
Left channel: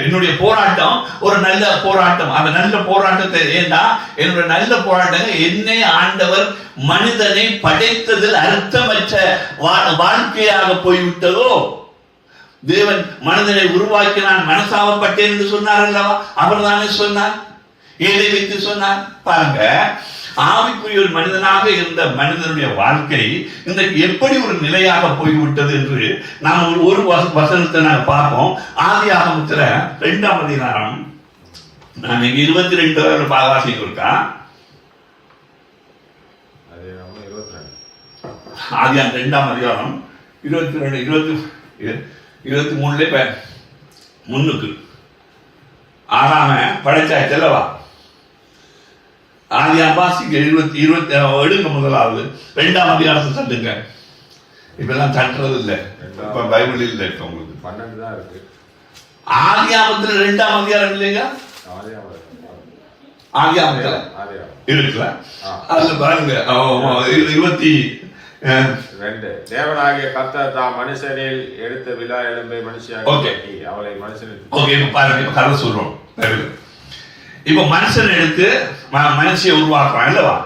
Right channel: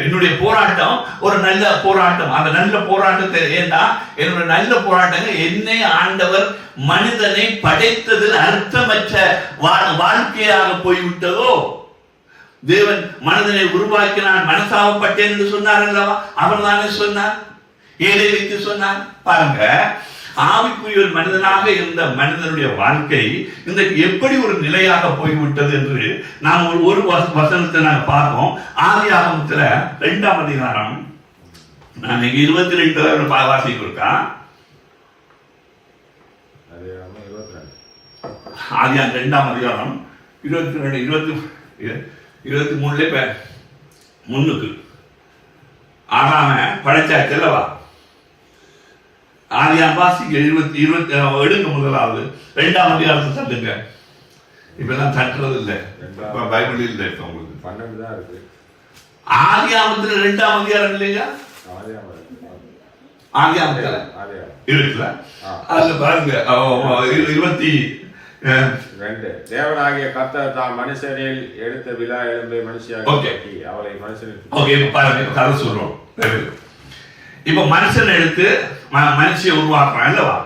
என்னுடைய போராட்டம் ஒரு நல்ல போராட்டம். அந்த நல்ல போராட்டத்தை ஏண்டா என்னுடைய நல்ல போராட்டம் என்னை ஆண்டவர் மனிதனை படைத்ததில் அர்த்தமற்ற வாழ்க்கையாக போய்விட்டதோ. தேவன் மனிதனை உருவாக்கி நான் மனசாகப்பட்டேன் என்று சொன்னார் அல்லவா? அவர் தானே சொன்னார். ஏழை வைத்து சொன்னார். பாருங்க, ஆவிக்குரிய ஒரு மனிதனாக இருந்த மனிதனுடைய வாழ்க்கை இன்றைக்கு எப்படி ஒரு நிலையாக போய்விட்டது என்று நாம் ஒரு வசனத்தை நாங்கள் பார்ப்போம். ஆதியாகமத்துல 2ஆம் அதிகாரம், நான் 22 வாசிக்க இருக்கா? ஆதியாகம் 2ஆம் அதிகாரம் 22 23 முன்னுக்கு ஆகாம படைச்சாச்சு அல்லவா? ஆதியாகமம் வாசிக்க 20 முதலாவது 2ஆம் அதிகாரத்தை தட்டுங்க. இப்பெல்லாம் தட்டுறது இல்லை, இப்ப பைபிள் இல்லை. இப்ப உங்களுக்கு 12 தான் இருக்கு. ஆதியாகமத்துல 2ஆம் அதிகாரம் இல்லையா? ஆதியாகமத்துல இருக்குல்ல? அதுல பாருங்க 22. தேவனாகிய கர்த்தர் தாம் மனுஷனில் எடுத்த விலா எலும்பை மனுஷியாக அவரை மனுஷனுக்கு பாருங்க கதை சொல்றோம். இப்ப மனுஷன் எடுத்து மனுஷியை உருவாக்குறான் அல்லவா?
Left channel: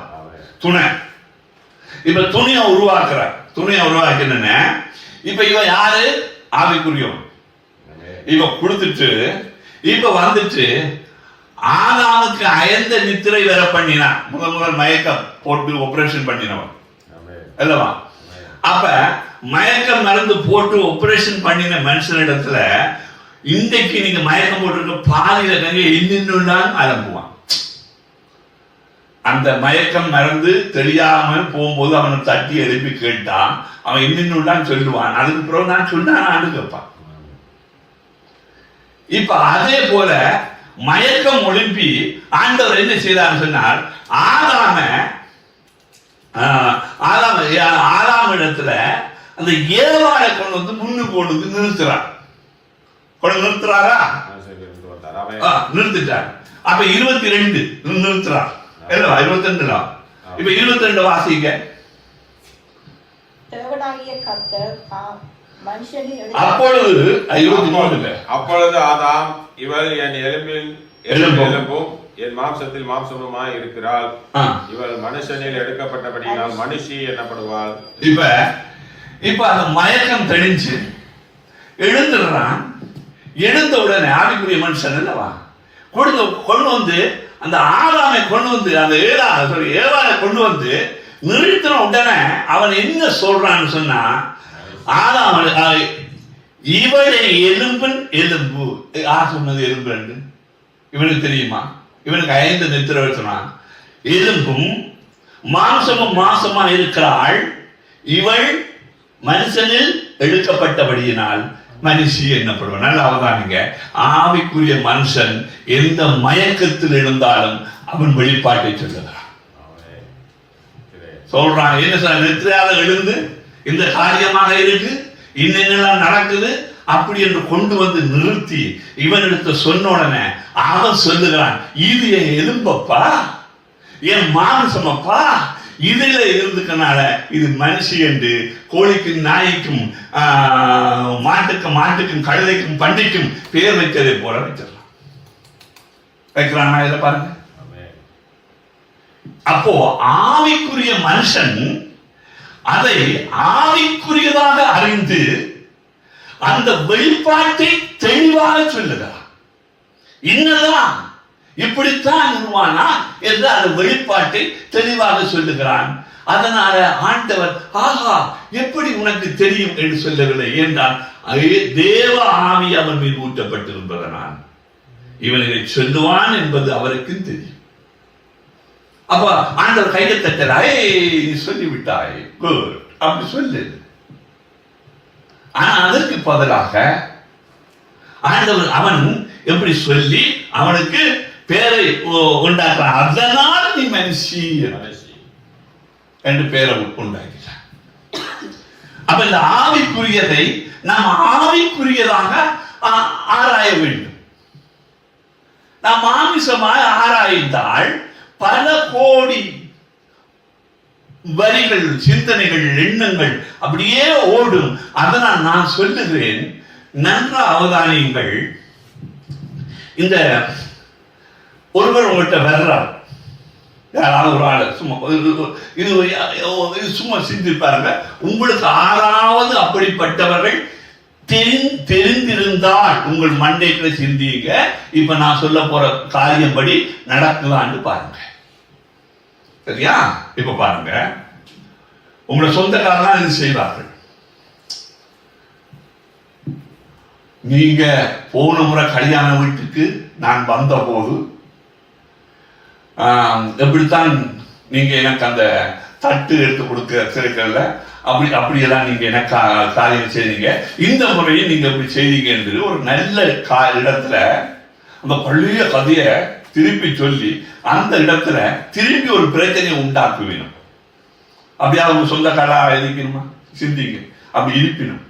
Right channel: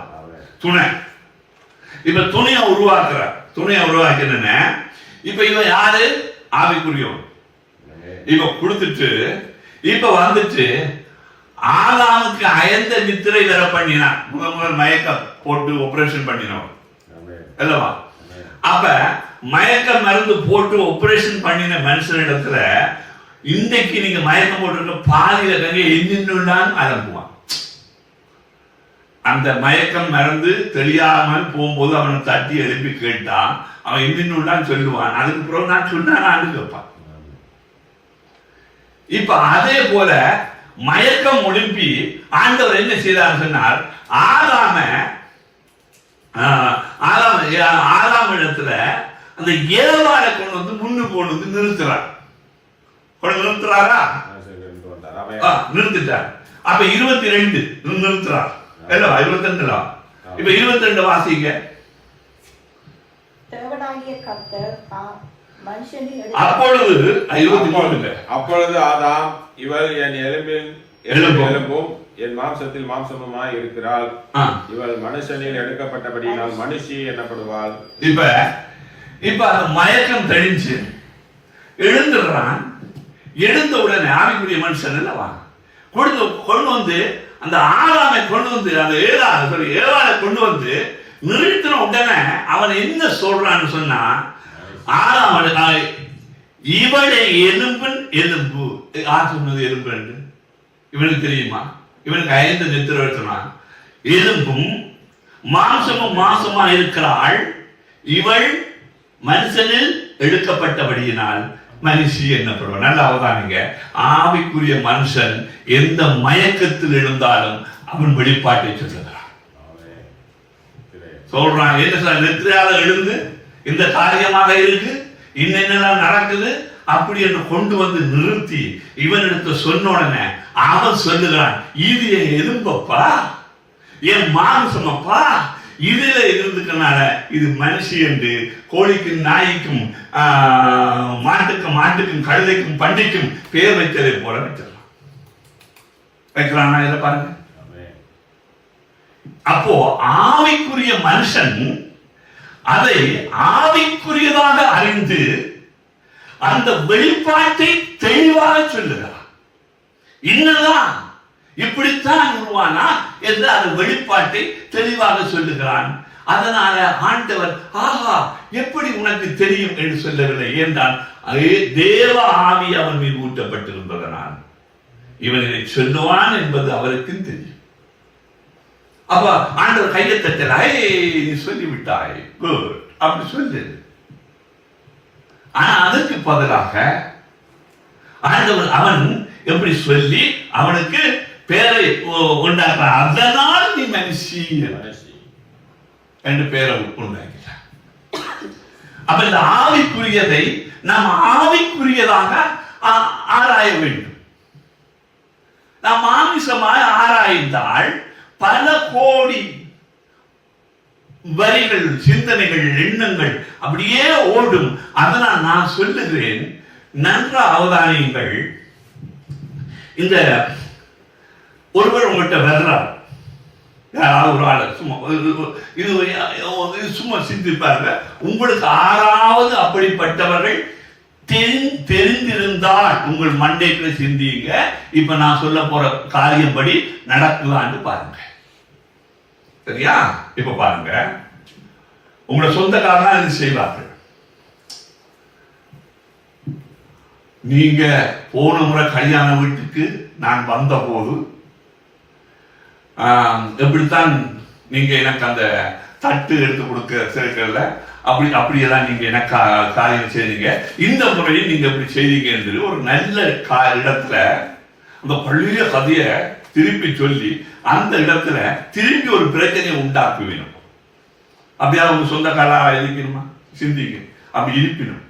துணை. இப்ப துணியை உருவாக்கின இப்ப இவன் யாரு? ஆவிக்குரியவன். இப்ப கொடுத்துட்டு இப்ப வந்துட்டு ஆதாமுக்கு அயர்ந்த நித்திரை வேற பண்ணினான். முதல் மயக்கம் போட்டு ஆபரேஷன் பண்ணினவன் அல்லவா? அப்ப மயக்க மருந்து போட்டு ஆபரேஷன் பண்ணின மனுஷனிடத்துல இன்றைக்கு நீங்க மயக்கம் போட்டு பாதியில இன்னும் அலம்புவான். அந்த மயக்கம் மருந்து தெரியாமல் போகும்போது அவனை தட்டி எழுப்பி கேட்டான், அவன் இன்னும் சொல்லுவான். அதுக்கு பிறகு நான் சொன்னான்னு கேட்பான். இப்ப அதே போல மயக்கம் ஒழுப்பி ஆண்டவர் என்ன செய்தார் சொன்னார், ஆதாம் இடத்துல அந்த ஏவாளை கொண்டு வந்து முன்னுக்கு கொண்டு வந்து நிறுத்துறார். நிறுத்துறாரா? நிறுத்திட்டார். அப்ப 22 நிறுத்துறார் இல்ல 22 இப்ப 22 வாசிங்க. தேவனாகிய கர்த்தர் மனுஷனின் அப்பொழுது 23 அப்பொழுது ஆதாம், இவள் என் எலும்பும் என் மாம்சத்தில் மாம்சமுமாய் இருக்கிறாள், இவள் மனுஷனில் எடுக்கப்பட்டபடியால் மனுஷி என்னப்படுவாள். இப்ப அந்த மயக்கம் தெளிஞ்சு எழுந்துடுறான். எழுந்த உடனே ஆவிக்குரிய மனுஷன் அல்லவா கொண்டு வந்து அந்த ஆதாமை கொண்டு வந்து அந்த ஏவாளை கொண்டு வந்து நிறுத்தின உடனே அவன் என்ன சொல்றான்னு சொன்னா, ஆதாம் இவளை எலும்பின் எலும்பு. யார் சொன்னது எலும்பு என்று? இவனுக்கு தெரியுமா? இவனுக்கு 5 நித்திர எழுத்தனான். எலும்பும் மாம்சமும் மாம்சமா இருக்கிறாள், இவள் மனுஷனில் எடுக்கப்பட்டபடியினால் மனுஷி என்னப்படுவான். நல்லா அவதானிங்க, ஆவிக்குரிய மனுஷன் எந்த மயக்கத்தில் இருந்தாலும் அவன் வெளிப்பாட்டை சொல்லுகிறான். சொல்றான், என்ன சார் நெத்திரையாக எழுந்து இந்த காரியமாக இருக்கு, இன்னென்னலாம் நடக்குது அப்படி என்று கொண்டு வந்து நிறுத்தி இவனிடத்து சொன்ன உடனே அவன் சொல்லுகிறான், இது என் எலும்பப்பா, என் மாம்சமப்பா, இதுல இருந்துக்கனால இது மனுஷி என்று கோழிக்கும் நாய்க்கும் மாட்டுக்கும் கழுதைக்கும் பண்டிக்கும் பேர் வைத்ததை போல வச்சிடலாம். வைக்கிறானா இதை பாருங்க. அப்போ ஆவிக்குரிய மனுஷன் அதை ஆவிக்குரியதாக அறிந்து அந்த வெளிப்பாட்டை தெளிவாக சொல்லுகிறார். இன்னதான் இப்படித்தான் உருவானா என்று அந்த வெளிப்பாட்டை தெளிவாக சொல்லுகிறான். அதனால ஆண்டவர் ஆஹா எப்படி உனக்கு தெரியும் என்று சொல்லவில்லை. என்றால் தேவ ஆவி அவன் மீது ஊட்டப்பட்டிருந்ததனால் இவனை சொல்லுவான் என்பது அவருக்கு தெரியும். அப்ப ஆண்டவர் கையை தட்டலாய் சொல்லிவிட்டாய், குட் அப்படி சொல்லு. ஆனா அதற்கு பதிலாக ஆண்டவர் அவன் எப்படி சொல்லி அவனுக்கு பேரை உண்டாக்குறான். அதனால் நீ மனுஷி என்று பேரை உண்டாக்கிறான். அப்ப இந்த ஆவிக்குரியதை நாம் ஆவிக்குரியதாக ஆராய வேண்டும். நாம் மாமிசமாய் ஆராய்ந்தால் பல கோடி வரிகள், சிந்தனைகள், எண்ணங்கள் அப்படியே ஓடும். அதனால் நான் சொல்லுகிறேன், நன்ற அவதானியங்கள். இந்த ஒருவர் உங்கள்கிட்ட வர்றார், ஒரு ஆள் சும்மா இது சும்மா சிந்திப்பாருங்க. உங்களுக்கு 6வது அப்படிப்பட்டவர்கள் தெரிந்திருந்தால் உங்கள் மண்டைக்குள்ள சிந்திங்க. இப்ப நான் சொல்ல போற காரியப்படி நடக்கலான்னு பாருங்க. சரியா? இப்ப பாருங்க, உங்களை சொந்தக்காரனா இது செய்வார்கள். நீங்க போன முறை கல்யாண வீட்டுக்கு நான் வந்த போது எப்படித்தான் நீங்க எனக்கு அந்த தட்டு எடுத்து கொடுக்க சேர்க்கல, அப்படியெல்லாம் நீங்க எனக்கு காரியம் செய்தீங்க. இந்த முறையும் நீங்க எப்படி செய்தீங்க என்று ஒரு நல்ல இடத்துல அந்த பழைய கதையை திருப்பி சொல்லி அந்த இடத்துல திரும்பி ஒரு பிரச்சனையை உண்டாக்குவினும். அப்படியா உங்க சொந்தக்காரா இருக்கணுமா? சிந்திங்க. அப்படி இருப்பினும்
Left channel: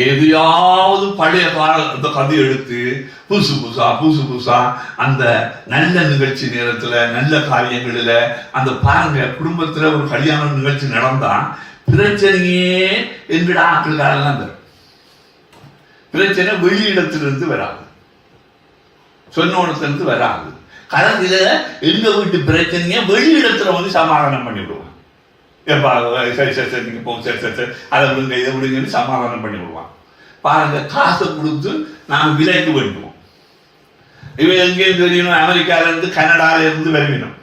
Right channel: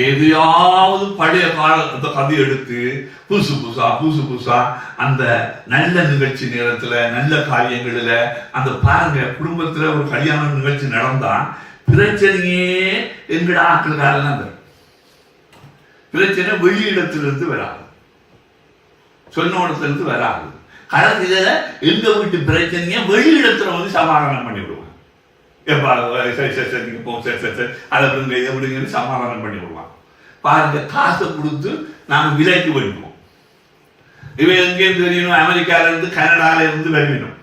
எதையாவது பழைய காலத்தை கதை எடுத்து புதுசு புதுசா அந்த நல்ல நிகழ்ச்சி நேரத்துல நல்ல காரியங்களில அந்த பாருங்க, குடும்பத்துல ஒரு கல்யாண நிகழ்ச்சி நடந்தா பிரச்சனையே என்கிற ஆட்களுக்காரெல்லாம் தரும். பிரச்சனை வெளியிடத்திலிருந்து வராது, சொன்னோடத்திலிருந்து வராது. கலந்துல எங்க வீட்டு பிரச்சனைய வெளியிடத்துல வந்து சமாதானம் பண்ணி விடுவாங்க. சரி போ, சரி அதை விடுங்க இதை விடுங்கன்னு சமாதானம் பண்ணி விடுவான். பாருங்க, காசை கொடுத்து நாங்கள் விலைக்கு வருவோம். இவன் எங்கேயும் தெரியணும், அமெரிக்கால இருந்து கனடால இருந்து வருவினோம்.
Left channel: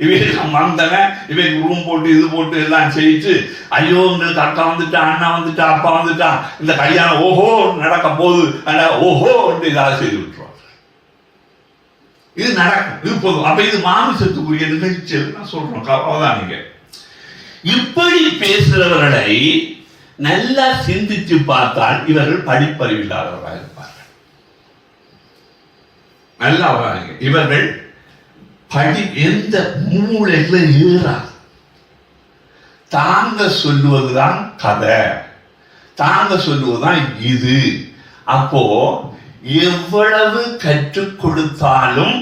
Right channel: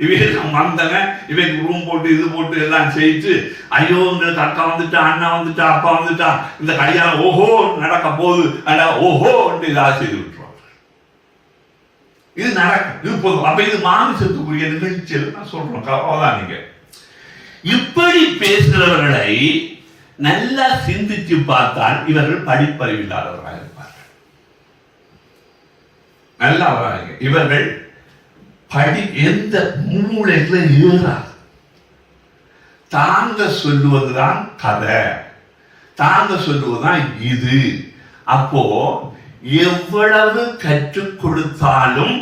இவன் வந்தன, இவன் ரூம் போட்டு இது போட்டு எல்லாம் செய்து ஐயோ இந்த அக்கா வந்துட்டா, அண்ணா வந்துட்டா, அப்பா வந்துட்டா, இந்த கல்யாணம் ஓஹோ நடக்க போகுது, ஓஹோ இதாக செய்து விட்டுருவாங்க. இது நடக்கும், இது போதும். அப்ப இது மாமிசத்துக்குரிய நிகழ்ச்சியில் நான் சொல்றோம். அதான் நீங்க இப்படி பேசுகிறவர்களை நல்லா சிந்திச்சு பார்த்தால் இவர்கள் படிப்பறிவில்லாதவர்களாக இருப்பார்கள். நல்லா இவர்கள் எந்த மூளையில ஏறாது. தாங்க சொல்லுவதுதான் கதை, தாங்க சொல்லுவதுதான் இது. அப்போ எவ்வளவு கற்றுக் கொடுத்தாலும்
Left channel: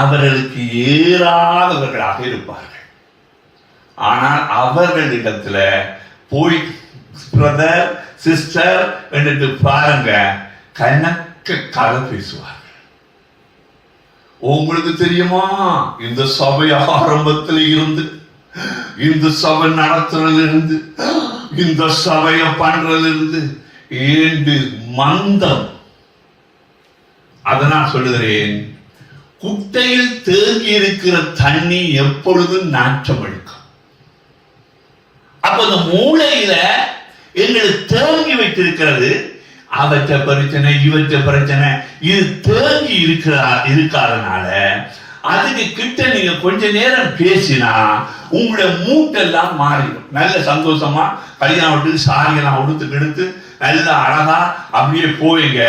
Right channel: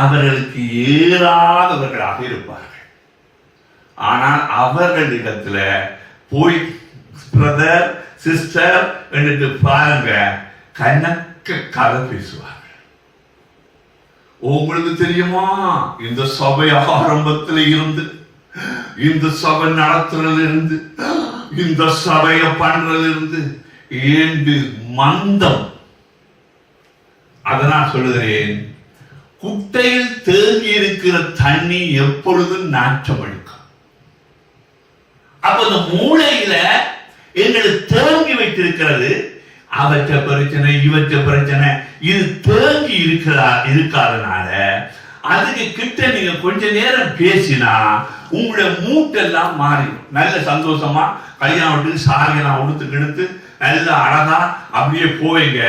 அவர்களுக்கு ஏறாதவர்களாக இருப்பார்கள். ஆனால் அவர்களிடத்துல போய் பிரதர் சிஸ்டர் என்று பாருங்க, கணக்கு கதை பேசுவார்கள். உங்களுக்கு தெரியுமா, இந்த சபை ஆரம்பத்தில் இருந்து, இந்த சபை நடத்துறதுல இருந்து, இந்த சபைய பண்றதுல இருந்து ஏண்டு மந்தம். அதனால் சொல்லுகிறேன், குட்டையில் தேங்கி இருக்கிற தண்ணி எப்பொழுதும் நாற்றம் எடுக்கும். அப்ப அந்த மூளையில எங்களுக்கு தேங்கி வைத்திருக்கிறது, அவற்ற பிரச்சனை இவற்ற பிரச்சனை, இது தேங்கி இருக்காதனால அதுக்கு கிட்ட நீங்க கொஞ்ச நேரம் பேசினா உங்களுடைய மூட்டெல்லாம் மாறிடும். நல்ல சந்தோஷமா கல்யாணம் விட்டு சாரியெல்லாம் உடுத்து நல்லா அழகா அப்படியே போயிங்க.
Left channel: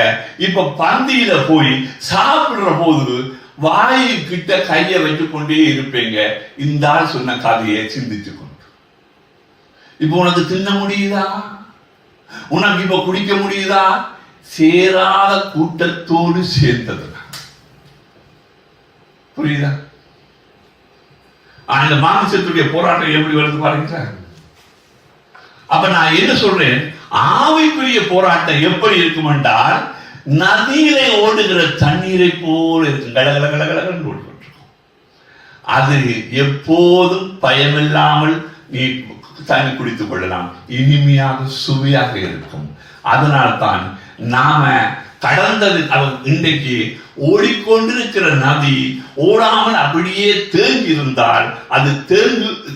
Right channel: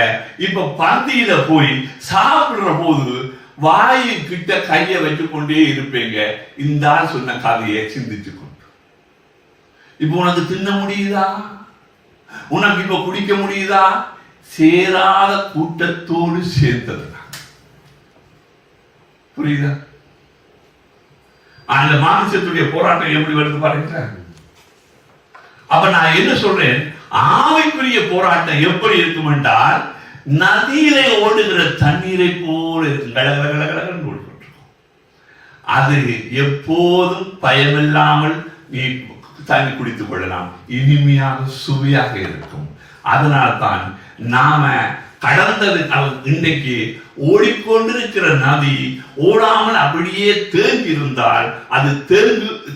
இப்ப பந்தியில போய் சாப்பிடுற போது வாயு கிட்ட கைய வைத்து கொண்டே இருப்பீங்க. இந்த ஆள் சொன்ன கதையை சிந்திச்சு கொண்டு, இப்ப உனக்கு தின்ன முடியுதா, உனக்கு இப்ப குடிக்க முடியுதா? சேராத கூட்டத்தோடு சேர்ந்தது. புரியுதா? அந்த மாமிசத்துடைய போராட்டம் எப்படி வருது பாருங்க. அப்ப நான் என்ன சொல்றேன், ஆவிக்குரிய போராட்டம் எப்படி இருக்கும் என்றால், நதியிலே ஓடுகிற தண்ணீரை போல இருக்கும். கடகடகடகடன்னு ஓடிக்கொண்டிருக்கும். அது எப்போதும் பயமில்லாமல் நீ தண்ணி குடித்துக் கொள்ளலாம், இனிமையாக சுவையாக இருக்கும். அதனால்தான் நாம கடந்தது இன்றைக்கு ஓடிக்கொண்டிருக்கிற நதி ஓடாமல் அப்படியே தேங்கி இருந்தால் அது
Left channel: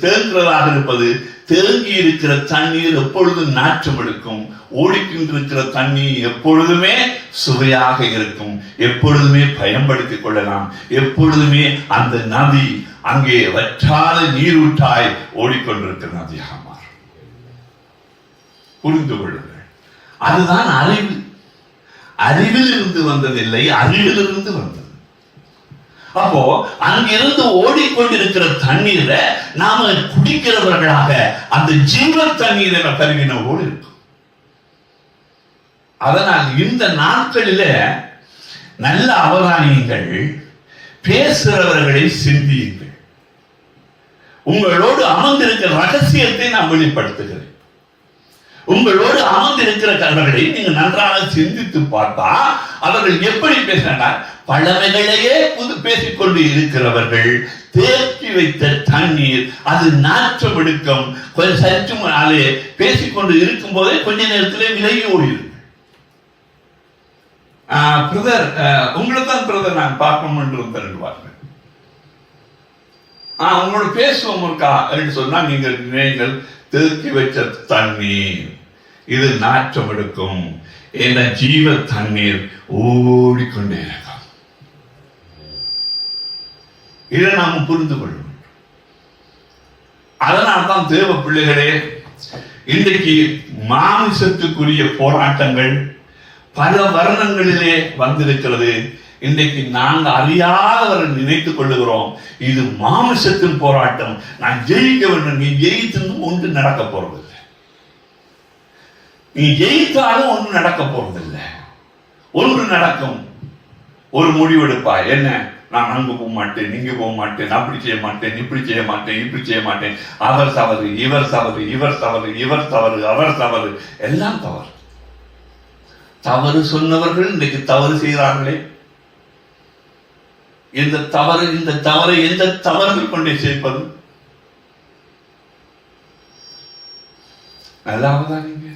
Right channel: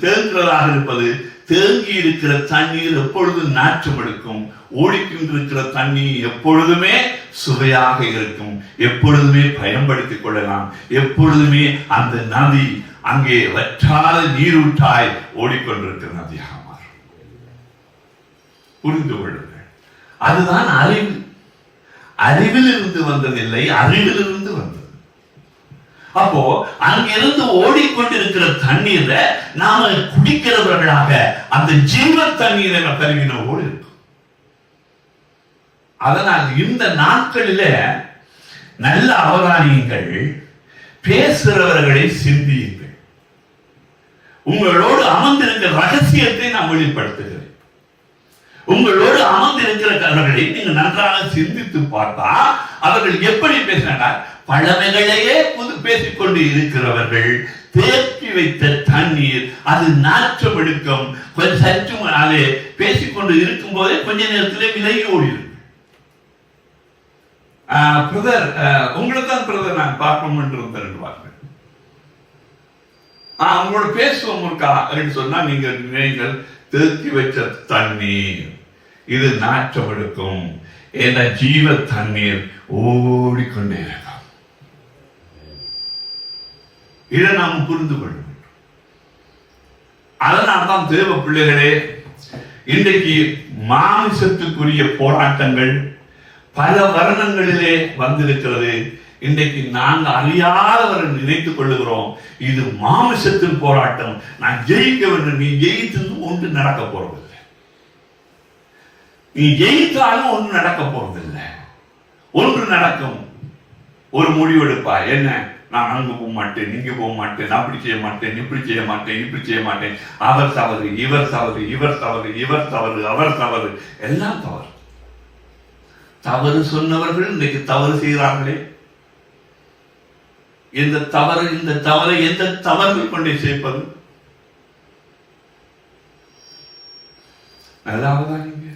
தேங்குறதாக இருப்பது. தேங்கி இருக்கிற தண்ணீர் எப்பொழுதும் நாற்றம் எடுக்கும். ஓடிக்கொண்டிருக்கிற தண்ணீர் எப்பொழுதுமே சுவையாக இருக்கும். எப்பொழுதுமே பயன்படுத்திக் கொள்ளலாம். எப்பொழுதுமே அந்த நதி அங்கே வற்றாத நீரூற்றாய் ஓடிக்கொண்டிருக்கிற நதியாக மாறும். புரிந்து கொள்ளுங்கள். அதுதான் அறிவு. அறிவிலிருந்து வந்ததில்லை, அறிவிலிருந்து வந்தது. அப்போ அங்கிருந்து ஓடிக்கொண்டிருக்கிற தண்ணீரை நாம குடிக்கிறவர்களாக அந்த ஜீவ தண்ணீரை கருவினோடு இருக்கும். அதனால் இந்த நாட்களில நல்ல அவதானியங்கள், பேசுறவர்களை சிந்தியுங்கள். உங்களோடு அமர்ந்திருக்கிற ரகசியத்தை நான் வெளிப்படுத்துகிறேன். உங்களோடு அமர்ந்திருக்கிறவர்களை நீங்கள் நன்றாக சிந்தித்து பார்த்தா அவர்கள் எப்படி பேசினார்? பழமைகளையே பேசிக்கொண்டு இருக்கிறவர்கள், தேக்கி வைத்த தண்ணீர் அது நாற்றம் எடுக்கும். கொஞ்சம் சற்று நாளே பேசிக்கொண்டு இருக்கும் போதே கொஞ்ச நேரத்திலே விலகி ஓடிடும். பிரதர், உங்களுக்கு தான் பிரதர் நான் பார்க்கணும் என்று தருவார்கள். உங்களோட பேசுவோம் இருக்கா என்று சொன்னா நீங்கள் தேக்கி வச்ச தண்ணீர் இது நாற்றம் எடுக்கும். என்ற ஜீவ தண்ணீர் ஓடிக்கொண்டே இருக்கும். இதை நாம் புரிந்து கொள்ளும். அதனால்தான் தேவ பிள்ளைகளே, இன்றைக்கு மாமிசத்துக்குரிய போராட்டங்கள் பல வருடங்களிலே வந்திருக்கிறது. இன்றைக்கு நாங்கள் அறியாதவர்கள் நினைத்துக் கொள்ளுகிறோம், இது மாமிசத்தின் போராட்டம், நான் ஜெயிக்க வேண்டும். நீ ஜெயித்து ஒன்று நடக்க போறதில்லை. நீ ஜெயித்தாலும் ஒன்று நடக்க போறதில்லை. ஒன்று நடக்கும், ஒரு முடிவெடுப்பா. என்ன, நான் அங்கு போக மாட்டேன், நீங்க போக மாட்டேன், அப்படி செய்ய மாட்டேன், இப்படி செய்ய மாட்டேன், இப்படி செய்ய மாட்டேன். அவர் தவறு, இவர் தவறு, இவர் தவறு, இவர் தவறு, அவர் தவறு, எல்லாம் தவறு. தவறு சொன்னவர்கள் இன்றைக்கு தவறு செய்கிறார்களே. இந்த தவறை எந்த தவறு கொண்டே சேர்ப்பது? நல்லாவதான் நீங்க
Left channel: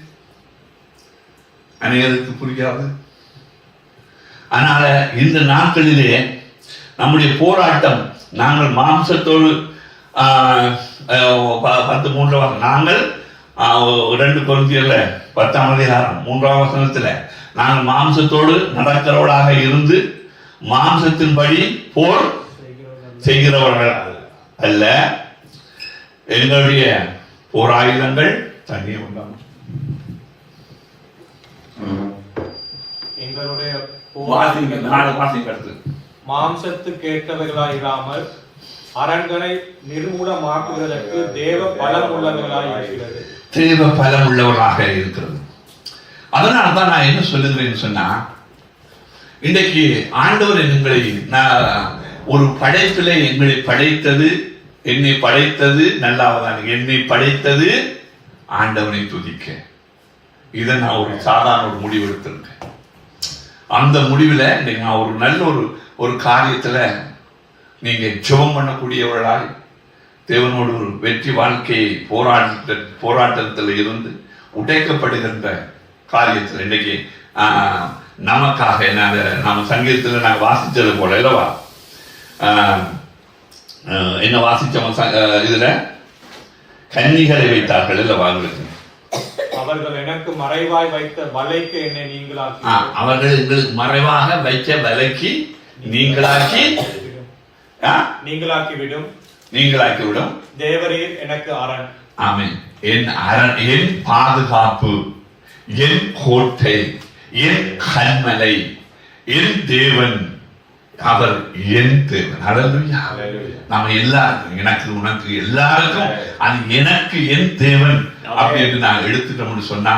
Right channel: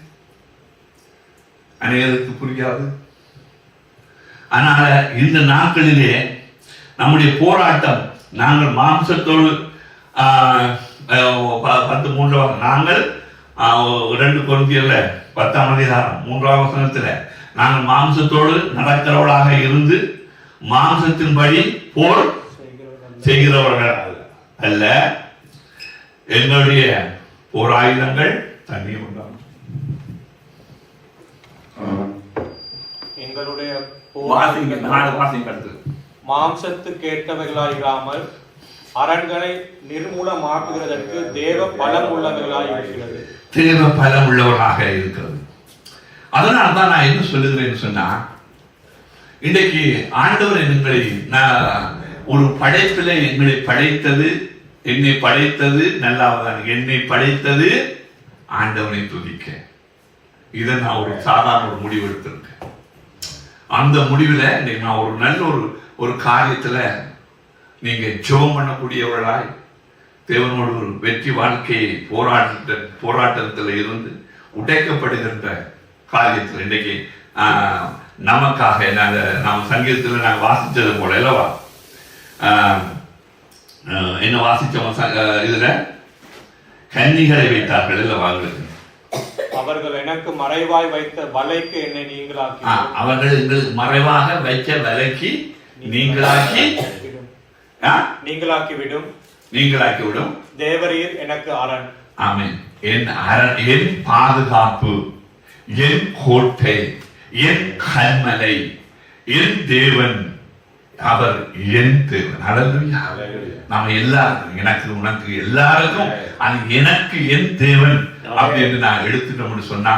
அனைவருக்கு புரியாது. அதனால இந்த நாட்களிலே நம்முடைய போராட்டம், நாங்கள் மாம்சத்தோடு 10:3 நாங்கள் 2 கொரிந்தியர்ல 10:3 நாங்கள் மாம்சத்தோடு நடக்கிறவர்களாக இருந்து மாம்சத்தின்படி போர் செய்கிறவர்கள் அல்ல, எங்களுடைய போராயுதங்கள் தனியே உண்டாகும். எங்களுடைய மாம்சத்துக்கு ஏற்றவர்களாயிராமல் அரண்களை நிர்மூலமாக்குவதற்கு தேவ பலம் உள்ளவர்களாக இருக்கிறது. தேவ பலம் உள்ளவராக இருக்கிறது. அதனால்தான் நான் என்ன சொல்லுகிறேன்னு சொன்னா, இன்றைக்கு ஆண்டவர் எங்களை ஒரு படைப்பில் எங்களை படைத்தது, என்னை படைத்தது நல்லாவதான், என்னை படைத்தது ஆண்டவனை துதிக்க. இதை நான் ஒரு சாதாரண ஒரு முடிவு எடுத்திருக்கேன். அந்த முடிவில் இன்னைக்கு நான் ஒரு நல்ல ஒரு காரியத்தில் நீங்க ஜெபம் பண்ணக்கூடியவர்களாய் தேவனோடு ஒரு வெற்றி வாழ்க்கையை போராட்டத்தில் இருந்து உடைக்கப்படுகின்ற காரியத்தில் இன்னைக்கு நமக்காக நாம் சங்கீதத்தில் நாங்கள் வாசித்தது போல இல்லவா, என்ன வாசிச்சோம் இதுல கன்னிகளை வைத்தார்கள் இல்லவா, அவர்கள் எனக்கு மறைவாய் வைத்த வலைக்கு என்னை நீங்களாக்கி, அவர்கள் எங்களுக்கு மறைவாக வைத்த வலைக்கு நீங்களாக்கி விடும். தேவரீர் எனக்கு அரண். ஆமென். என் அரண், என் பாதுகாப்பு, என் கோட்டை, என் கன்மலை, என் தேவன், அவர் என் தேவன். ஹல்லேலூயா. நாம எல்லாருக்கும், எனக்கு உனக்கு எல்லாருக்கும் அது எனக்கு என் தேவன் அப்படின்னு நான் எடுத்துட்டோம்னு சொன்னா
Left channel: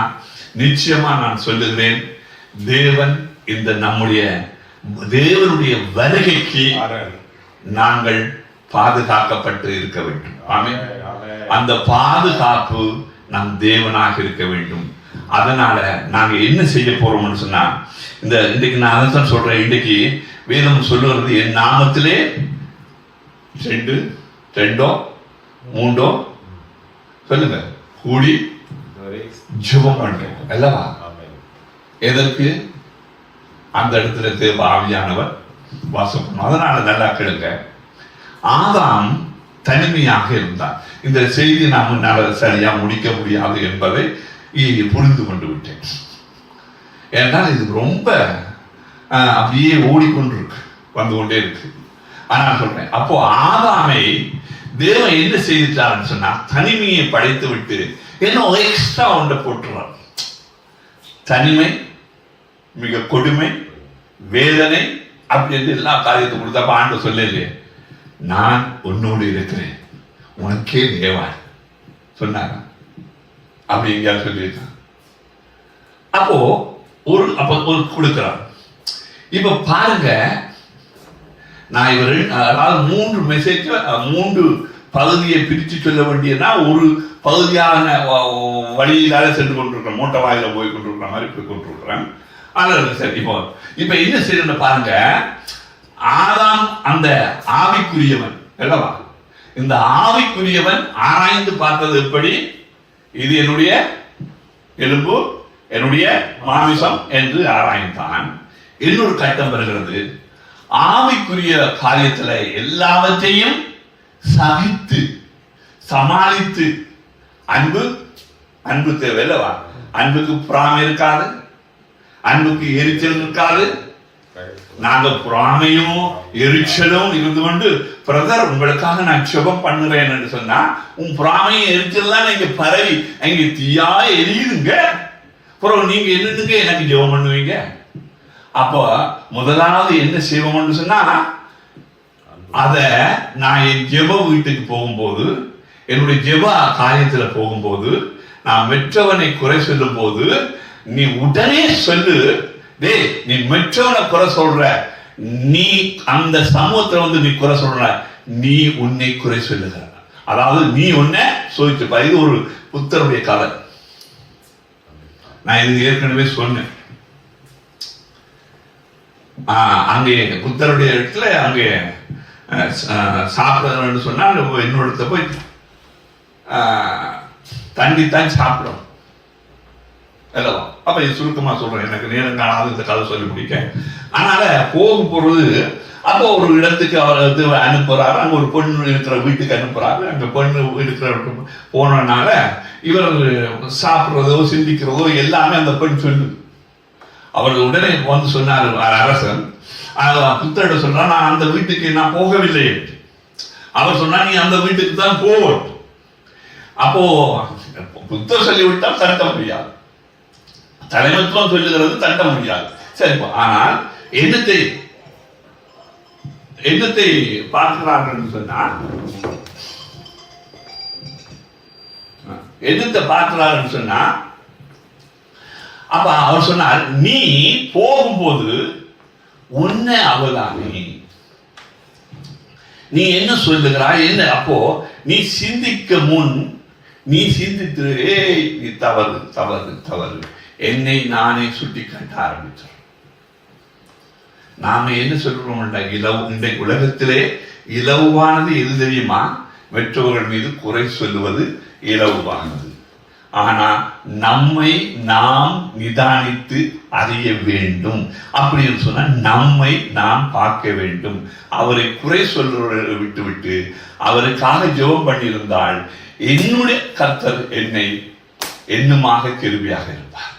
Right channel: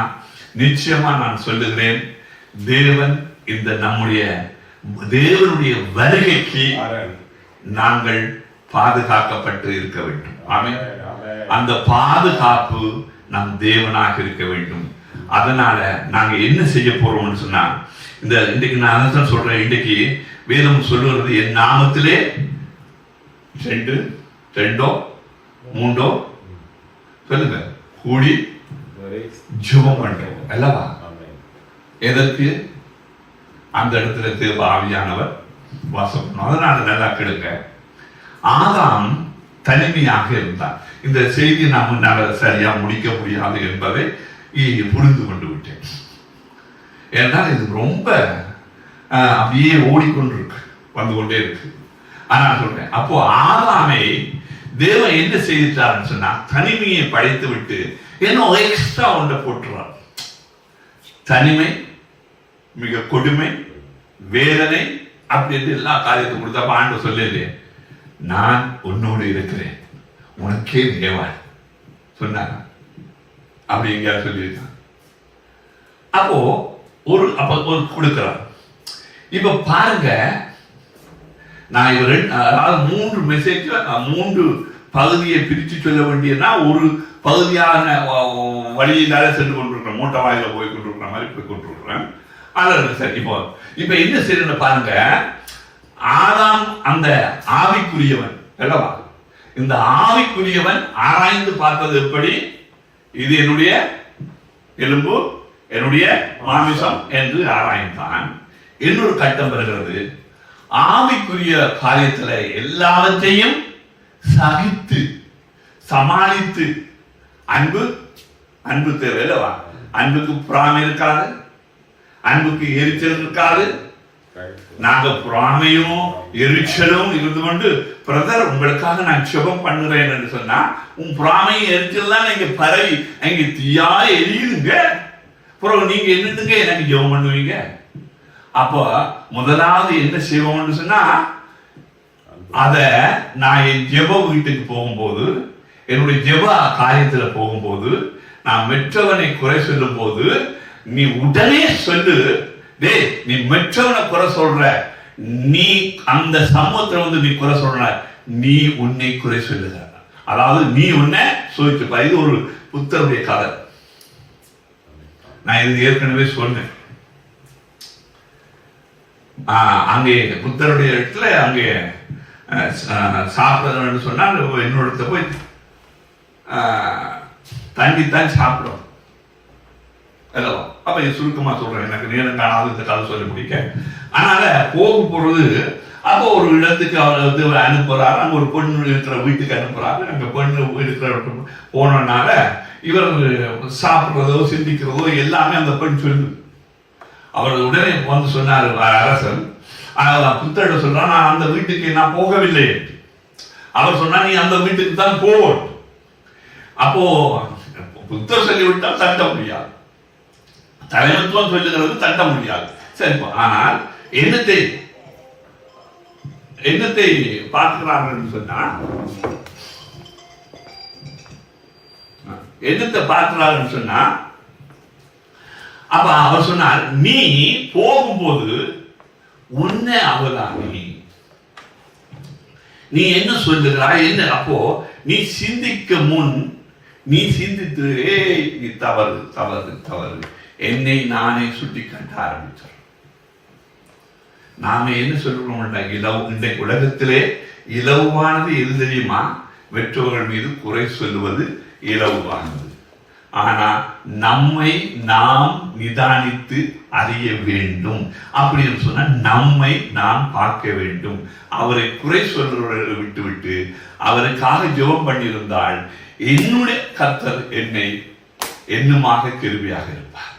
நிச்சயமா நான் சொல்லுகிறேன், தேவன் இந்த நம்முடைய தேவனுடைய வருகைக்கு நாங்கள் பாதுகாக்கப்பட்டு இருக்க வேண்டும். ஆமென். அந்த பாதுகாப்பு நம் தேவனாக இருக்க வேண்டும். அதனால நாங்க என்ன செய்ய போறோம்னு சொன்னா, இன்றைக்கு நான் அதான் சொல்றேன், இன்றைக்கு வேதம் சொல்லுவது என் நாமத்திலே 2 3 சொல்லுங்க கூடி ஜெபம் பண்றோம் அல்லவா. எதற்கு? அந்த இடத்துல தேவ ஆவியானவர் வாசம் பண்ணும். அதனால நல்லா கேளுங்க, ஆதாம் தனிமையாக இருந்தார். இந்த செய்தி நாம் சரியா முடிக்க முடியாது என்பதை புரிந்து கொண்டு விட்டேன். ஏன்னா இது ரொம்ப அப்படியே ஓடிக்கொண்டிருக்கு, வந்து கொண்டே இருக்கு. ஆனா சொல்றேன், அப்போ ஆதாமை தேவன் என்ன செய்தார்னு சொன்னா தனிமையை படைத்து விட்டு என்ன எக்ஸ்ட்ரா ஒன்றை போட்டுறார். தனிமை, மிக கொடுமை, வேதனை அப்படின்னு எல்லா காரியத்தையும் கொடுத்தப்ப ஆண்டு சொல்லலையே, நான் உன்னோடு இருக்கிறேன், உனக்கே தேவாய் சொன்னாங்க. அப்படி எங்கேயாவது சொல்லியிருக்கான். அப்போ ஒரு கொடுக்கிறார். இப்ப பாருங்க, நான் அதாவது 3 மெசேஜ் 3 பகுதியை பிரித்து சொல்ல வேண்டியதுனா ஒரு பகுதியான வழியிலால சென்று கொண்டிருக்கிறேன், மூட்டை வாயில போய் கொண்டிருக்கிற மாதிரி போய் கொண்டிருக்கிறேன். அது சரி. இப்ப என்ன செய்யணும் பாருங்க, ஆதாம் அந்த ஆவிக்குரியவன் அல்லவா, இந்த ஆவிக்குரியவன் ஆராய்ந்து பார்த்தது எப்படி, இது என்னுடைய எலும்பு, என்னுடைய மாமிசம் என்று ஆராய்ந்தான். இன்னொரு கட்டம் வருகிறது, ஆவிக்குரிய காரியத்துல எல்லாவற்றையும் சகித்து சமாளித்து, அன்பு தேவை அல்லவா, அன்புக்கு பொறாமை இருக்காது, அன்புக்கு எரிச்சல் இருக்காது. நாங்க பொறாமையும் எரிச்சலும் இருந்து கொண்டு, பிரதர் உங்களுக்காக நான் சுபம் பண்ணுறேன் என்று சொன்னா, உன் பொறாமையும் எரிச்சல்லாம் நீங்க பரவி அங்க தீயா எரியுதுங்க, அப்புறம் நீங்க என்னதுங்க எனக்கு ஜெபம் பண்ணுவீங்க. அப்போ முதலாவது என்ன செய்வோம்னு சொன்னா, அத நான் என் ஜெப வீட்டுக்கு போகும்போது, என்னுடைய ஜெப காரியத்துல போகும்போது, நான் மெற்றவனை குறை சொல்லும் போது நீ உடனே சொல்லு, டே நீ மெற்றவனை குறை சொல்ற, நீ அந்த சமூகத்துல வந்து நீ குறை சொல்ற, நீ உன்னை குறை சொல்லுகிற, அதாவது நீ உன்னை சோதிச்சுப்பா. இது ஒரு புத்தருடைய கதை, நான் இது ஏற்கனவே சொன்னேன். அங்கே புத்தருடைய இடத்துல அங்கே சாப்பிட சொன்னா இன்னொருத்த போய் தண்டித்தான் சாப்பிடும் அல்லவா. அப்ப இது சுருக்கமா சொல்றேன், எனக்கு நேரம் காணாத இந்த கதை சொல்லி முடிக்க. அதனால போகும் பொழுது அப்போ ஒரு இடத்துக்கு அவர் வந்து அனுப்புறாரு, அங்க ஒரு பொண்ணு இருக்கிற வீட்டுக்கு அனுப்புறாரு. அங்க பொண்ணு இருக்கிற போனனால இவர் சாப்பிடுறதோ சிந்திக்கிறதோ எல்லாமே அந்த பெண் சொல்லு. அவர் உடனே வந்து சொன்னார் அரசன், புத்தரிடம் சொல்றான், நான் அந்த வீட்டுக்கு நான் போகவில்லை. அவர் சொன்னா நீ அந்த வீட்டுக்கு தான் போவோம். அப்போ புத்தர் சொல்லிவிட்டால் தட்ட முடியாது, தலைமைத்துவம் சொல்லுகிறது தட்ட முடியாது. சரிப்பா. ஆனால் என்னத்தை பார்க்கிறார்கள் சொன்னா, என்னத்தை பார்க்கிறார்கள் சொன்னா, அப்ப அவர் சொன்னார், நீ போகும்போது உன்னை அவதானி, நீ என்ன சொல்லுகிறாய் என்ன? அப்போ நீ சிந்திக்க முன் நீ சிந்தித்து நீ தவறு தவறு தவறு, என்னை நானே சுட்டி காட்ட ஆரம்பித்தேன். நாம என்ன சொல்றோம்? இந்த உலகத்திலே இலவானது எது தெரியுமா? மற்றவர்கள் மீது குறை சொல்லுவது இலவானது. ஆனா நம்மை நாம் நிதானித்து அறிய வேண்டும். அப்படின்னு சொன்னா நம்மை நாம் பார்க்க வேண்டும். அவரை குறை சொல்றவர்களை விட்டுவிட்டு அவருக்காக ஜெபம் பண்ணியிருந்தால் என்னுடைய கர்த்தர் என்னை என்னுமாக கிருபையாக இருப்பார்.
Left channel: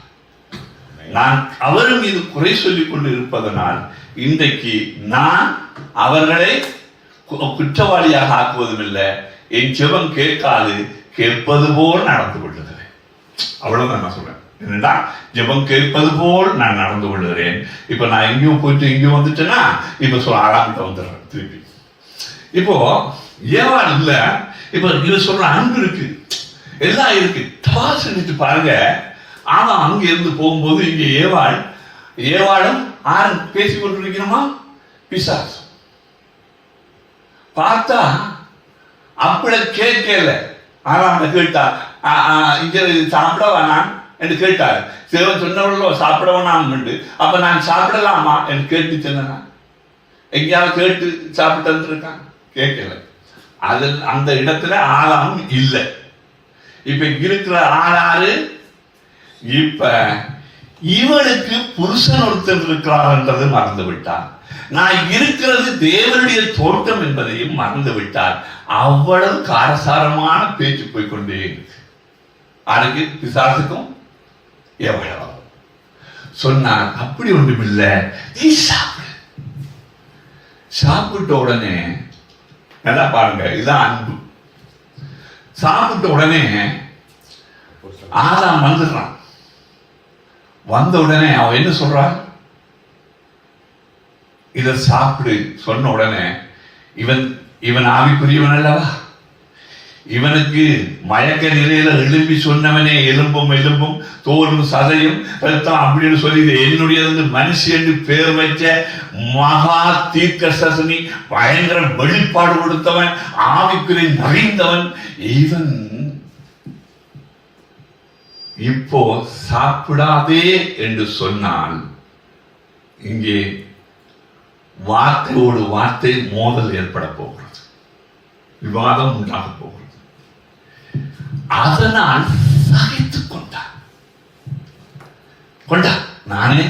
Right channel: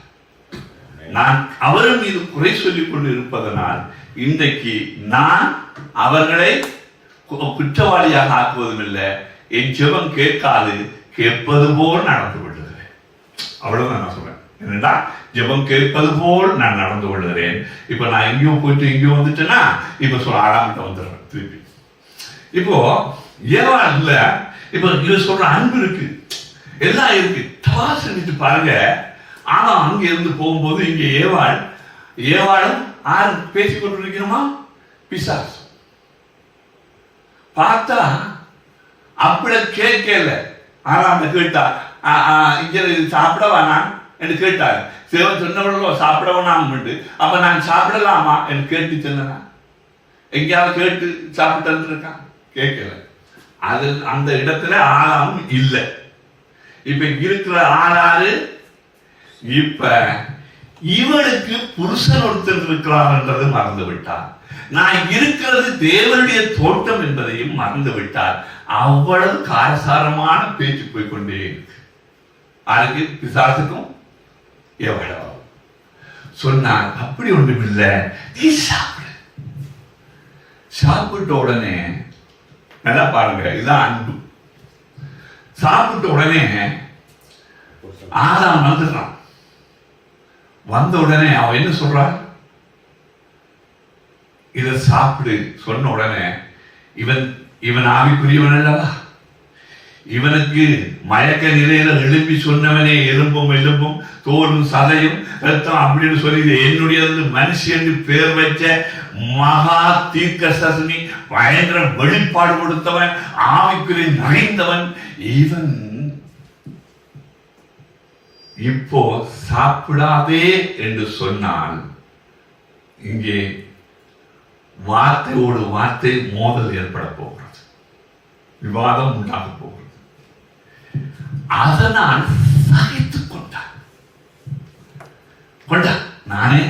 நான் அவர் மீது குறை சொல்லிக் கொண்டு இருப்பதனால் இன்றைக்கு நான் அவர்களை குற்றவாளியாக ஆக்குவதும் இல்லை. என் ஜெபம் கேட்காது, கேட்பது போல் நடந்து கொள்ளுகிறேன். அவ்வளவுதான் நான் சொல்றேன். என்னடா, ஜெபம் கேட்பது போல் நான் நடந்து கொள்ளுகிறேன். இப்ப நான் எங்கேயும் போயிட்டு எங்கேயும் வந்துட்டேன்னா இப்ப ஆளாங்கிட்ட வந்துடுறேன் திருப்பி. இப்போ ஏவாள் இல்ல, இப்ப இது சொல்ற அன்பு இருக்கு, எல்லாம் இருக்கு, செஞ்சுட்டு பாருங்க. ஆனா அங்க இருந்து போகும்போது இங்க ஏவாளும் ஆறு பேசிக் கொண்டிருக்கணுமா? பிசாசு பார்த்தா அப்படி கேட்கல. ஆனா அந்த கேட்டா இங்க சாப்பிட வேணாம் என்று கேட்டாரு. சிவன் சொன்னவர்களோ சாப்பிட வேணாம். அப்ப நான் சாப்பிடலாமா என்று கேட்டு சொன்னா எங்கேயாவது கேட்டு சாப்பிட்டு இருக்கான்? கேட்கல. அது அந்த இடத்துல ஆளாம் இல்லை. இப்ப இருக்கிற ஆளாரு இப்ப இவனுக்கு புருஷன் ஒருத்தர் இருக்கிறான் என்றது மறந்து விட்டார். நான் இருக்கிறது தேவனுடைய தோட்டம் என்பதையும் மறந்து விட்டார். அவ்வளவு காரசாரமான பேச்சு போய்கொண்டே அதுக்கு பிசாசுக்கும் எவ்வளவு சொன்னார். அப்படி ஒன்றும் இல்லை, நீ சாப்பிட்ட உடனே நல்லா பாருங்க, இதுதான் அன்பு. சாப்பிட்ட உடனே ஆதாம் வந்துடுறான். வந்த உடனே அவன் என்ன சொல்றான்? இத சாப்பிடு சொன்ன உடனே இவன் ஆவிக்குரியவன் அல்லவா? இவனுக்கு மயக்க நிலையில எழுப்பி சொன்னவனே எலும்பும் தோலும் சதையும் ரத்தம் அப்படின்னு சொல்லி என்னுடைய மனுஷன் பேர் வச்ச மகா தீர்க்கதரிசி, பயங்கர வெளிப்பாடு கொடுத்தவன், ஆவிக்குரிய நிறைந்தவன் இவன் இப்போ சாப்பிடாதே என்று சொன்னால் இங்கே வார்த்தையோடு வார்த்தை மோதல் ஏற்பட போகிறது, விவாதம் உண்டாக போகிறது. அதனால் சகித்துக் கொண்டா நானே.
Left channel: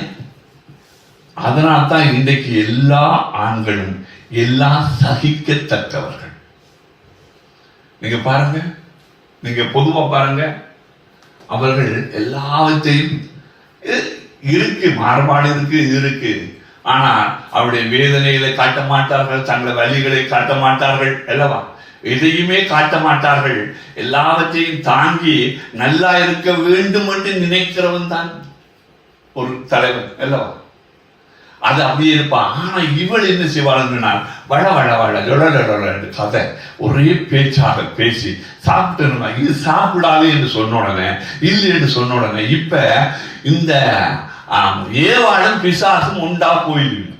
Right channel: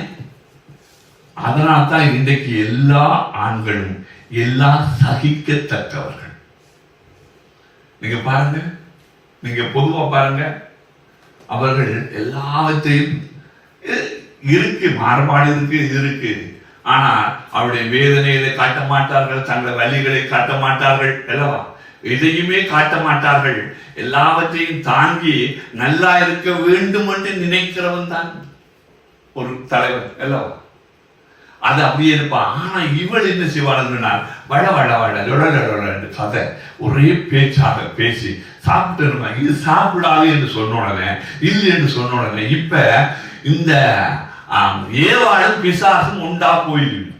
அதனால் தான் இன்றைக்கு எல்லா ஆண்களும் எல்லாம் சகிக்கத்தக்கவர்கள். நீங்க பாருங்க, நீங்க பொதுவா பாருங்க, அவர்கள் எல்லாவற்றையும் இருக்கு, மாறுபாடு இருக்கு. ஆனால் அவருடைய வேதனைகளை காட்ட மாட்டார்கள், தங்கள் வலிகளை காட்ட மாட்டார்கள் அல்லவா? எதையுமே காட்ட மாட்டார்கள். எல்லாவற்றையும் தாங்கி நல்லா இருக்க வேண்டும் என்று நினைக்கிறவன் தான் ஒரு தலைவன் அல்லவா? அது அப்படியே இருப்பான். ஆனா இவள் என்ன செய்வாள்? வள வள வள கதை ஒரே பேச்சாக பேசி சாப்பிட்டு இது சாப்பிடாது என்று சொன்ன உடனே இல்லை என்று சொன்ன உடனே இப்ப இந்த ஏவாளும் பிசாசும் உண்டா போயிருக்கு.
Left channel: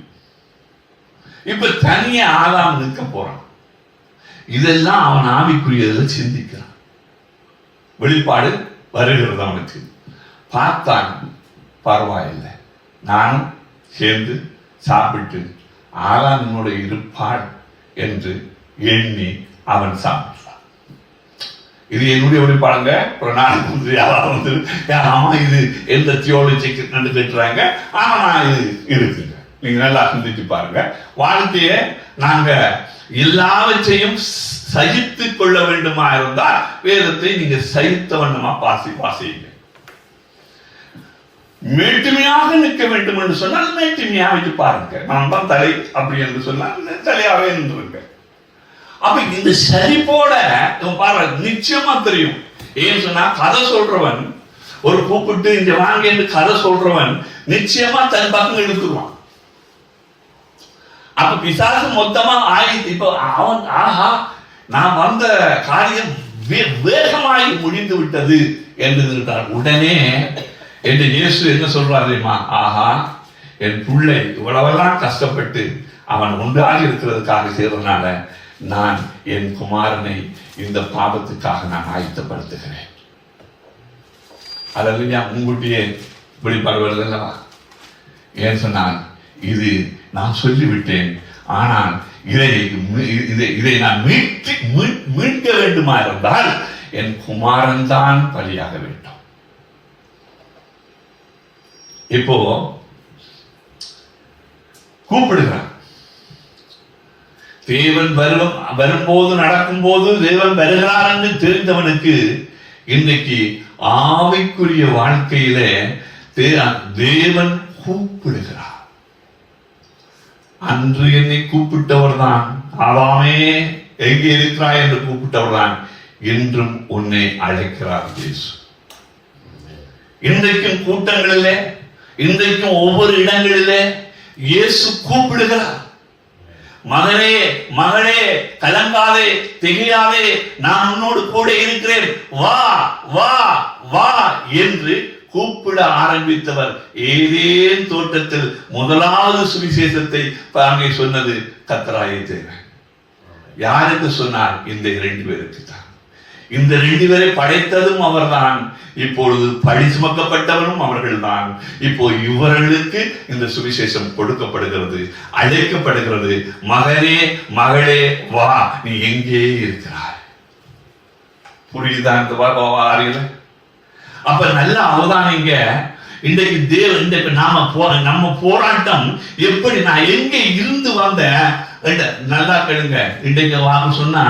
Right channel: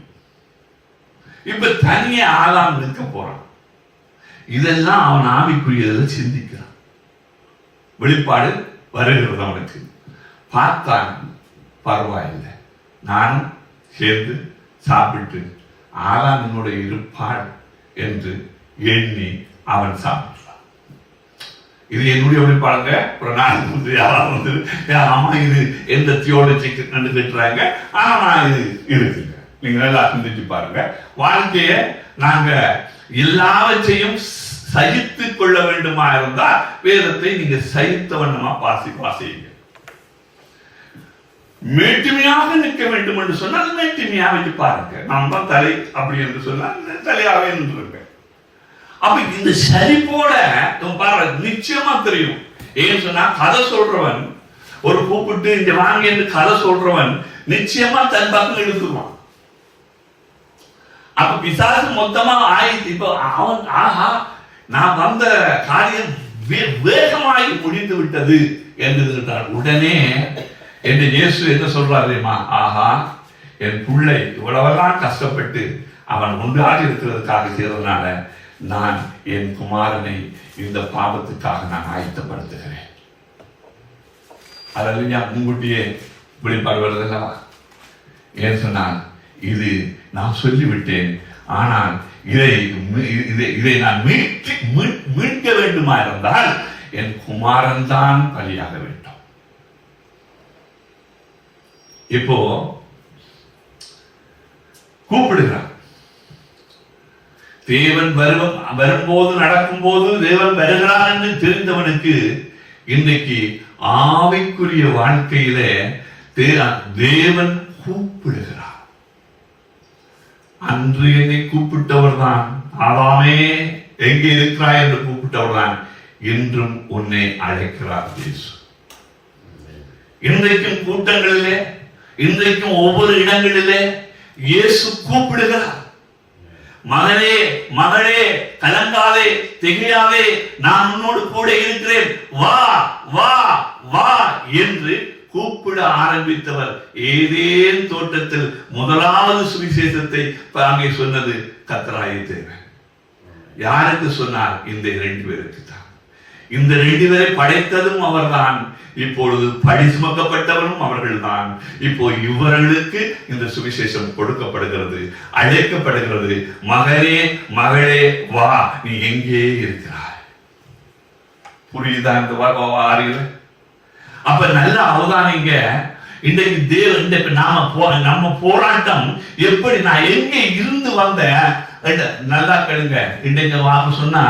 இப்ப தனியா ஆதாம் நிற்க போறான். இதெல்லாம் அவன் ஆவிக்குரியதை சிந்திக்கிறான். வெளிப்பாடு வருகிறது அவனுக்கு. பார்த்தான், பரவாயில்லை, நானும் சேர்ந்து சாப்பிட்டு ஆதாம் என்னோட இருப்பாள் என்று எண்ணி அவன் சாப்பிட்டான். இது என்னுடைய வெளிப்பாடுங்க. ஆமா, இது எந்த தியோலஜிக்கு நடந்துட்டுறாங்க. ஆனா இது இருக்குங்க. நீங்க நல்லா சிந்திச்சு பாருங்க. வாழ்க்கைய நாங்க எல்லாவற்றையும் சகித்துக் கொள்ள வேண்டுமா இருந்தால் வேதத்தை நீங்க சகித்த வண்ணமா வாசிங்க. மேட்டுமையாக நிற்க வேண்டும் என்று சொன்னால் மேட்டுமையா வச்சு பாருங்க. நான் தான் தலை அப்படி என்று சொன்னால் தலையாவே நின்றுருங்க. அப்ப இந்த சரிபோட பாருங்க, நிச்சயமா தெரியும். ஏன்னு சொன்னா கதை சொல்றவன் ஒரு கூப்பிட்டு இங்க வாங்க என்று கதை சொல்றவன் நிச்சயமா தன் பக்கம் எடுத்துருவான். அப்ப பிசாசு மொத்தமா இப்ப அவன் ஆஹா நான் வந்த காரியம் வேகமாகி முடிந்து விட்டது என்று உடனே என்று இயேசு என்ன சொல்றாரு? ஆஹா, என் பிள்ளை இவ்வளவெல்லாம் கஷ்டப்பட்டு அவன் உண்டாக இருக்கிறதுக்காக செய்யறதுனால நான் என் குமாரனை இந்த பாவத்துக்காக நான் ஆயத்தப்படுத்துகிறேன். அல்லேலூயா. முன்கூட்டியே வெளிப்பாடு வருதல்லவா? ஏன் சொன்னான்? இது நான் சொல்லிவிட்டேன், ஆனால் இதை நான் மீட்க வேண்டுமா இருந்தால் என் குமாரன் தான் பலியாக வேண்டும். இப்போ கூப்பிடுகிறான். தேவன் வரும்போது நடக்கும்போது தேவன் வருகிறான் என்று தெரிந்தவனுக்கு இன்றைக்கு ஆவிக்குரிய வாழ்க்கையிலே தேவன் கூப்பிடுகிறார். அன்று என்னை கூப்பிட்டவர் தான், ஆதாமே எங்கே இருக்கிறாய் என்று கூப்பிட்டவர் தான் இன்றும் உன்னை அழைக்கிறார் இயேசு. இன்றைக்கும் கூட்டங்களிலே, இன்றைக்கும் ஒவ்வொரு இடங்களிலே இயேசு கூப்பிடுகிறார். மகனே மகளே, கலங்காதே, திகையாதே, நான் உன்னோடு கூட இருக்கிறேன், வா வா வா என்று கூப்பிட ஆரம்பித்தவர். ஏதேன் தோட்டத்தில் முதலாவது சுவிசேஷத்தை அங்கே சொன்னது கர்த்தராகிய தேவன். யாருக்கு சொன்னார்? இந்த 2 பேருக்கு தான். இந்த 2 பேரை படைத்ததும் அவர்தான். இப்பொழுது பழி சுமக்கப்பட்டவரும் அவர்கள்தான். இப்போ இவர்களுக்கு இந்த சுவிசேஷம் கொடுக்கப்படுகிறது, அழைக்கப்படுகிறது. மகனே மகளே, வா, நீ எங்கே இருக்கிறாய்? புரியுதா இந்த வாரியில்? அப்ப நல்ல அவதானிங்க. இன்றைக்கு இன்றைக்கு நம்ம போராட்டம் எப்படி, நான் எங்கே இருந்து வந்தேன் நல்லா கேளுங்க. இன்றைக்கு வாங்க சொன்னா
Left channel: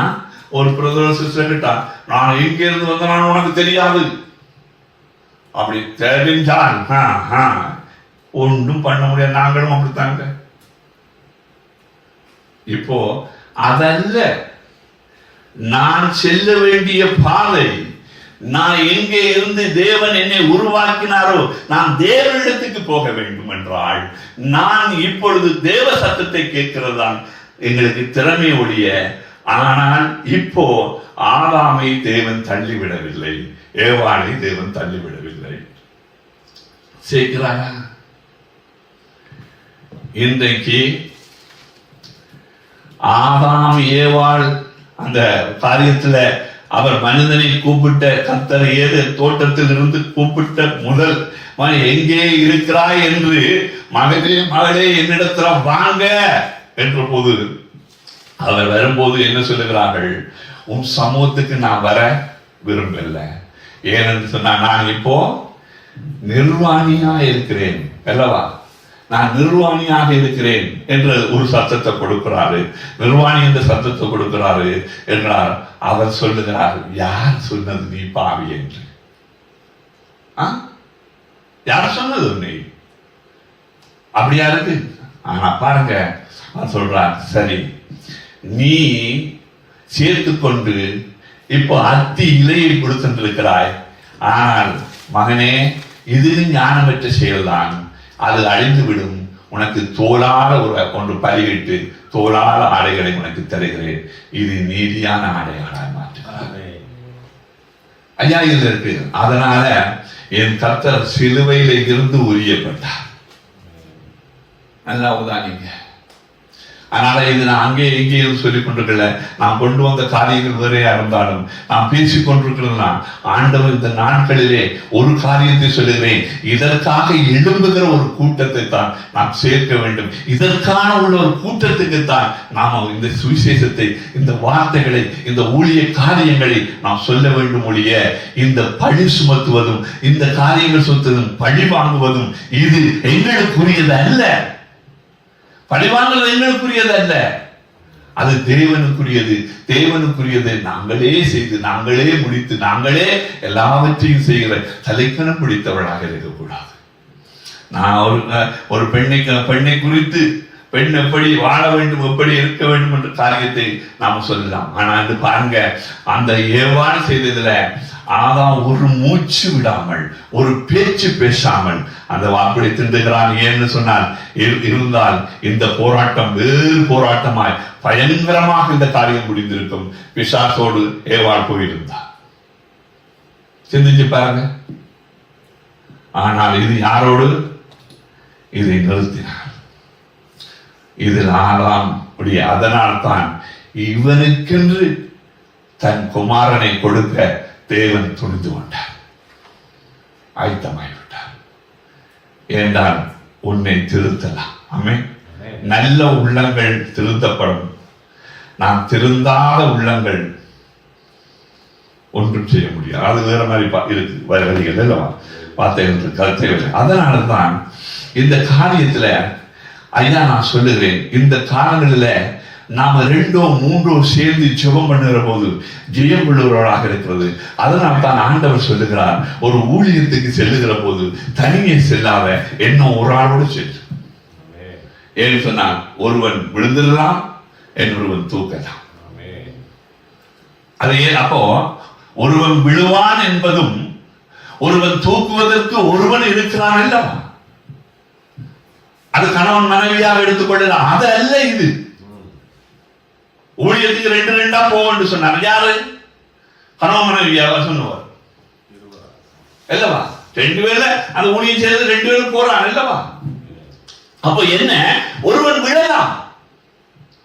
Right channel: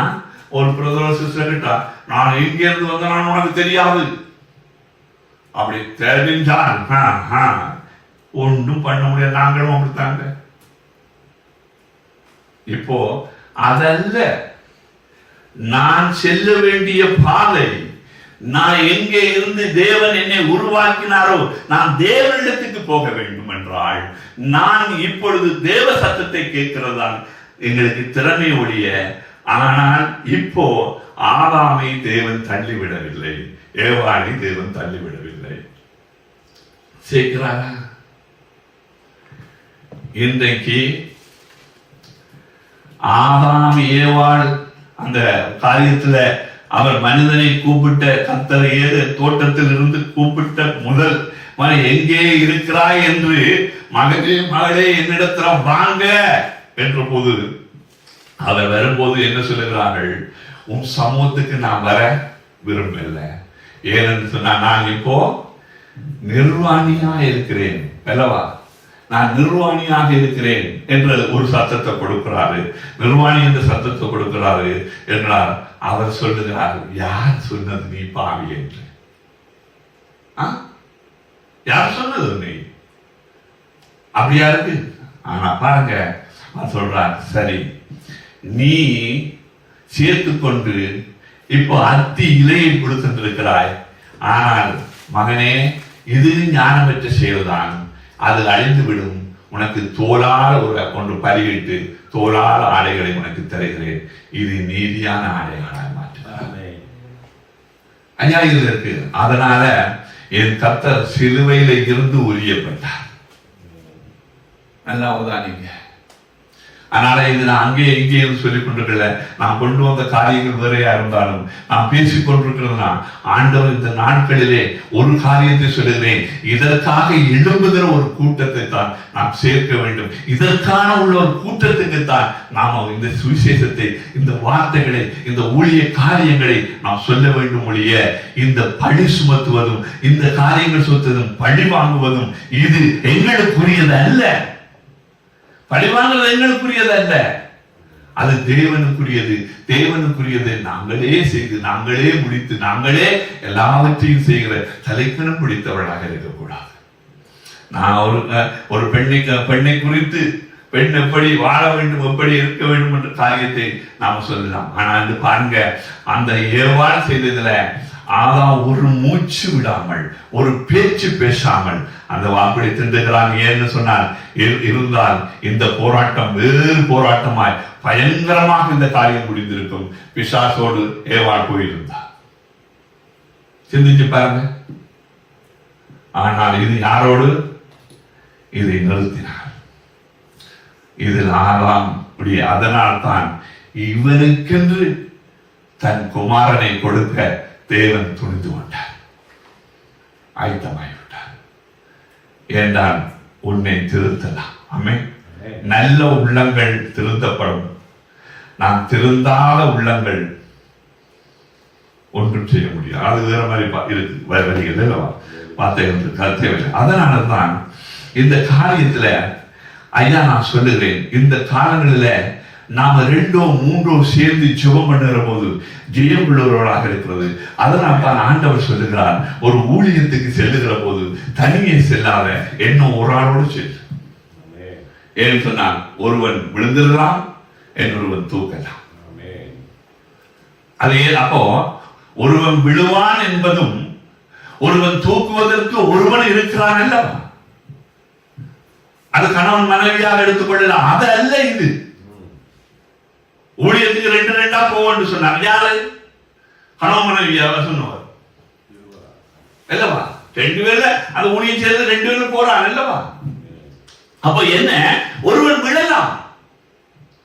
ஒரு பிரதமர் சிஸ்டர் கிட்ட, நான் எங்க இருந்து வந்தேன் உனக்கு தெரியாது. அப்படி தெரிஞ்சான் ஒன்றும் பண்ண முடியாது. நாங்களும் அப்படித்தாங்க. இப்போ அதல்ல, நான் செல்ல வேண்டிய பாதை, நான் எங்கே இருந்து தேவன் என்னை உருவாக்கினாரோ நான் தேவனிடத்துக்கு போக வேண்டும் என்றால், நான் இப்பொழுது தேவ சத்தத்தை கேட்கிறதான் எங்களுக்கு திறமை ஒழிய. ஆனால் இப்போ ஆதாமை தேவன் தள்ளிவிடவில்லை, ஏவாளை தேவன் தள்ளிவிடவில்லை. சேர்க்கிறாரா? இன்றைக்கு ஆதாம் ஏவாள் அந்த காரியத்துல அவர் மனிதனை கூப்பிட்ட கர்த்தர் தோட்டத்தில் இருந்து கூப்பிட்ட முதல் எங்கே இருக்கிறாய் என்று, மகனே மகளே என்னிடத்துல வாங்க என்ற போது அவர் வரும்போது என்ன சொல்லுகிறார்கள்? உன் சமூகத்துக்கு நான் வர விரும்பல. ஏன்னு சொன்னா, நான் இப்போ நிர்வாணியா இருக்கிறேன் அல்லவா, நான் நிர்வாணியாக இருக்கிறேன் என்ற ஒரு சத்தத்தை கொடுக்கிறாரு. நிர்வாணி என்ற சத்தத்தை கொடுக்கிறாரு என்றார். அவர் சொல்லுகிறார், யார் சொன்னது நீ பாவி என்று? யார் சொன்னது உன்னை? அப்படியா இருக்கு? ஆனா பாருங்க, சொல்றார், சரி நீ சேர்த்து கொண்டு இப்போ அத்தி இலையை கொடுத்திருக்கிறாய். ஆனால் மகனே, இது ஞானமற்ற செயல்தான், அது அழிந்து விடும். உனக்கு தோளால ஒன்று பலிவிட்டு தோளால ஆடைகளை உனக்கு தருகிறேன், இது நீதியான ஆடைகளாய் மாற்றுகிறார். ஐயா இது இருக்கு. அதனால என் கர்த்தர் சிலுவையில இருந்து உரியப்பட்டார். நல்லா உதாரணீங்க. அதனால இது நான் அங்கே எங்கே சொல்லிக் கொண்டிருக்கல, நான் கொண்டு வந்த காரியங்கள் வேறையா இருந்தாலும் நான் பேசிக் கொண்டிருக்கிறதுனா, ஆண்டவர் இந்த நாட்களிலே ஒரு காரியத்தை சொல்லுகிறேன், இதற்காக எழும்புகிற ஒரு கூட்டத்தை தான் நாம் சேர்க்க வேண்டும். இதற்கான உள்ள ஒரு கூட்டத்துக்கு தான் நாம் இந்த சுவிசேஷத்தை, இந்த வார்த்தைகளை, இந்த ஊழிய காரியங்களை நாம் சொல்ல வேண்டும். ஒழிய இந்த பழி சுமத்துவதும், இந்த காரியங்கள் சுமத்துவதும், பழி வாங்குவதும் இது எங்களுக்குரியது அல்ல. பழிவாங்கல் எங்களுக்குரியது அல்ல, அது தேவனுக்குரியது. தேவனுக்குரியதை நாங்களே செய்து, நாங்களே முடித்து, நாங்களே எல்லாவற்றையும் செய்கிற தலைக்கணம் பிடித்தவர்களாக இருக்கக்கூடாது. நான் ஒரு பெண்ணை குறித்து, பெண் எப்படி வாழ வேண்டும், எப்படி இருக்க வேண்டும் என்ற காரியத்தை நாம சொல்லலாம். ஆனா வந்து பாருங்க, அந்த ஏவாள் செய்ததுல ஆதாம் ஒரு மூச்சு விடாமல், ஒரு பேச்சு பேசாமல் அந்த வாக்குகளை திண்டுகிறான். ஏன்னு சொன்னார், இருந்தால் இந்த போராட்டம் வேறு போராட்டமாய் பயங்கரமாக இந்த காரியம் முடிந்திருக்கும். பிசாசோடு ஏவாள் போயிருந்தார். சிந்திச்சு பாருங்க. ஆனால் இது யாரோடு? இதை நிறுத்தினார். இதில் ஆதாம். அதனால் தான் இவனுக்கென்று தன் குமாரனை கொடுக்க தேவன் துணிந்து கொண்டார், ஆயத்தமாகிவிட்டார். என்றால் உன்னை திருத்தலாம். ஆமென். நல்ல உள்ளங்கள் திருத்தப்படும். நாம் திருந்தாத உள்ளங்கள் ஒன்றும் செய்ய முடியாது. அது வேற மாதிரி இருக்கு வரிகள் அல்லவா, வார்த்தைகள் கருத்தை. அதனாலதான் இந்த காரியத்துல ஐயா நான் சொல்லுகிறேன், இந்த காலங்களில் நாம 2 3 சேர்ந்து ஜெபம் பண்ணுகிற போது ஜெயம் உள்ளவர்களாக இருக்கிறது. அதனால் தான் ஆண்டவர் சொல்லுகிறார், ஒரு ஊழியத்துக்கு செல்லுகிற போது தனியே செல்லாத, என்ன ஒரு ஆளோடு செல்லு. ஏன்னு சொன்னா ஒருவன் விழுந்துடலாம், இன்னொருவன் தூக்கலாம். அது அப்போ ஒருவன் விழுவான் என்பதும் ஒருவன் தூக்குவதற்கு ஒருவன் இருக்கிறான் அல்லவா, அது கணவன் மனைவியாக எடுத்துக்கொள்ளலாம். அது அல்ல இது. ஊழியத்துக்கு 2 போன்னு சொன்னார். யாரு? கணவன் மனைவியாக சொன்னவர் அல்லவா. 2 பேர்ல அந்த ஊழியம் செய்யறது 2 பேரும் போறான் அல்லவா. அப்ப என்ன, ஒருவன் விழலாம்,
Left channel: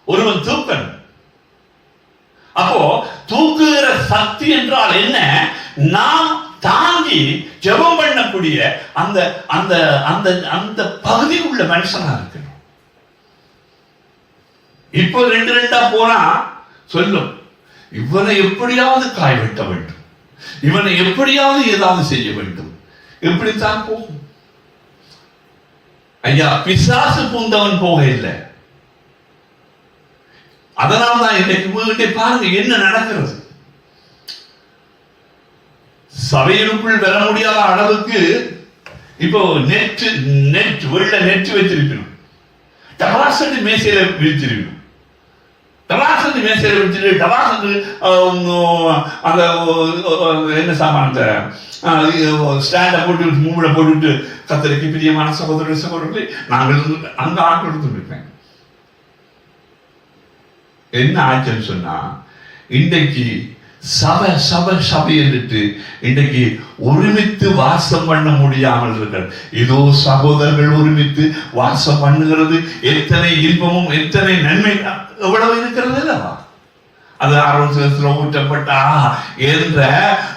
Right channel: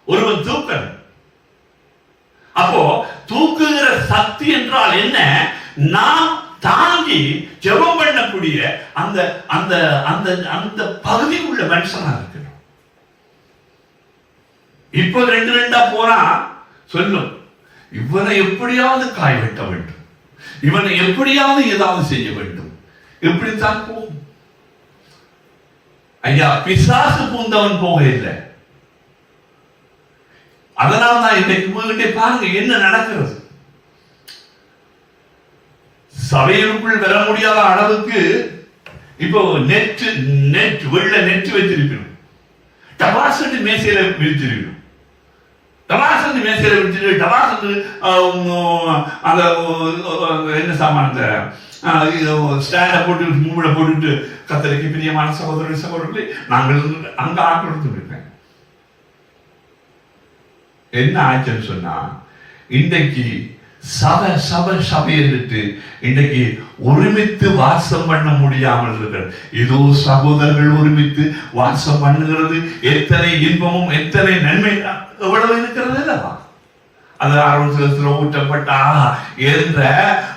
ஒருவன் தூக்கணும். அப்போ தூக்குகிற சக்தி என்றால் என்ன? நாம் தாங்கி ஜெபம் பண்ணக்கூடிய அந்த அந்த அந்த அந்த பகுதி உள்ள மனுஷனா இருக்கு. இப்போ 2 போனா சொல்லும், இவனை எப்படியாவது காய வெட்ட வேண்டும், இவனை எப்படியாவது ஏதாவது செய்ய வேண்டும், இப்படித்தான் போகும். ஐயா, பிசாசு பூந்தவன் போக இல்லை. அதனால்தான் இன்றைக்கு பாருங்க என்ன நடக்கிறது. சபையிற்குள் வர முடியாத அளவுக்கு இப்போ நெட் வெள்ள நெட் வச்சிருக்கணும். டபாசட்டு மேசையில விரிச்சிருக்கணும். டபாசட்டு மேசையில விரிச்சிட்டு டபாசட்டு அந்த என்ன சாமான ஸ்டாண்ட போட்டு மூட போட்டுட்டு கத்தரிக்கு பிரியமான சகோதரர்களே நாங்கள் அந்த ஆட்கள் இருப்பேன். என்ன ஆச்சுன்னு சொன்னா, இன்றைக்கு சபை இருட்டு இன்றைக்கு ஒருமித்து வாசம் பண்ண முடியாமல் இருக்கிறது. இதோ சகோதரர்கள் ஒருமித்து வாசம் பண்ணுகிறது. எத்தனை இன்பமும் எத்தனை நன்மை எவ்வளவு இருக்கிறது அல்லவா. அது ஆரோக்கியத்தில் ஊற்றப்பட்டா என்ற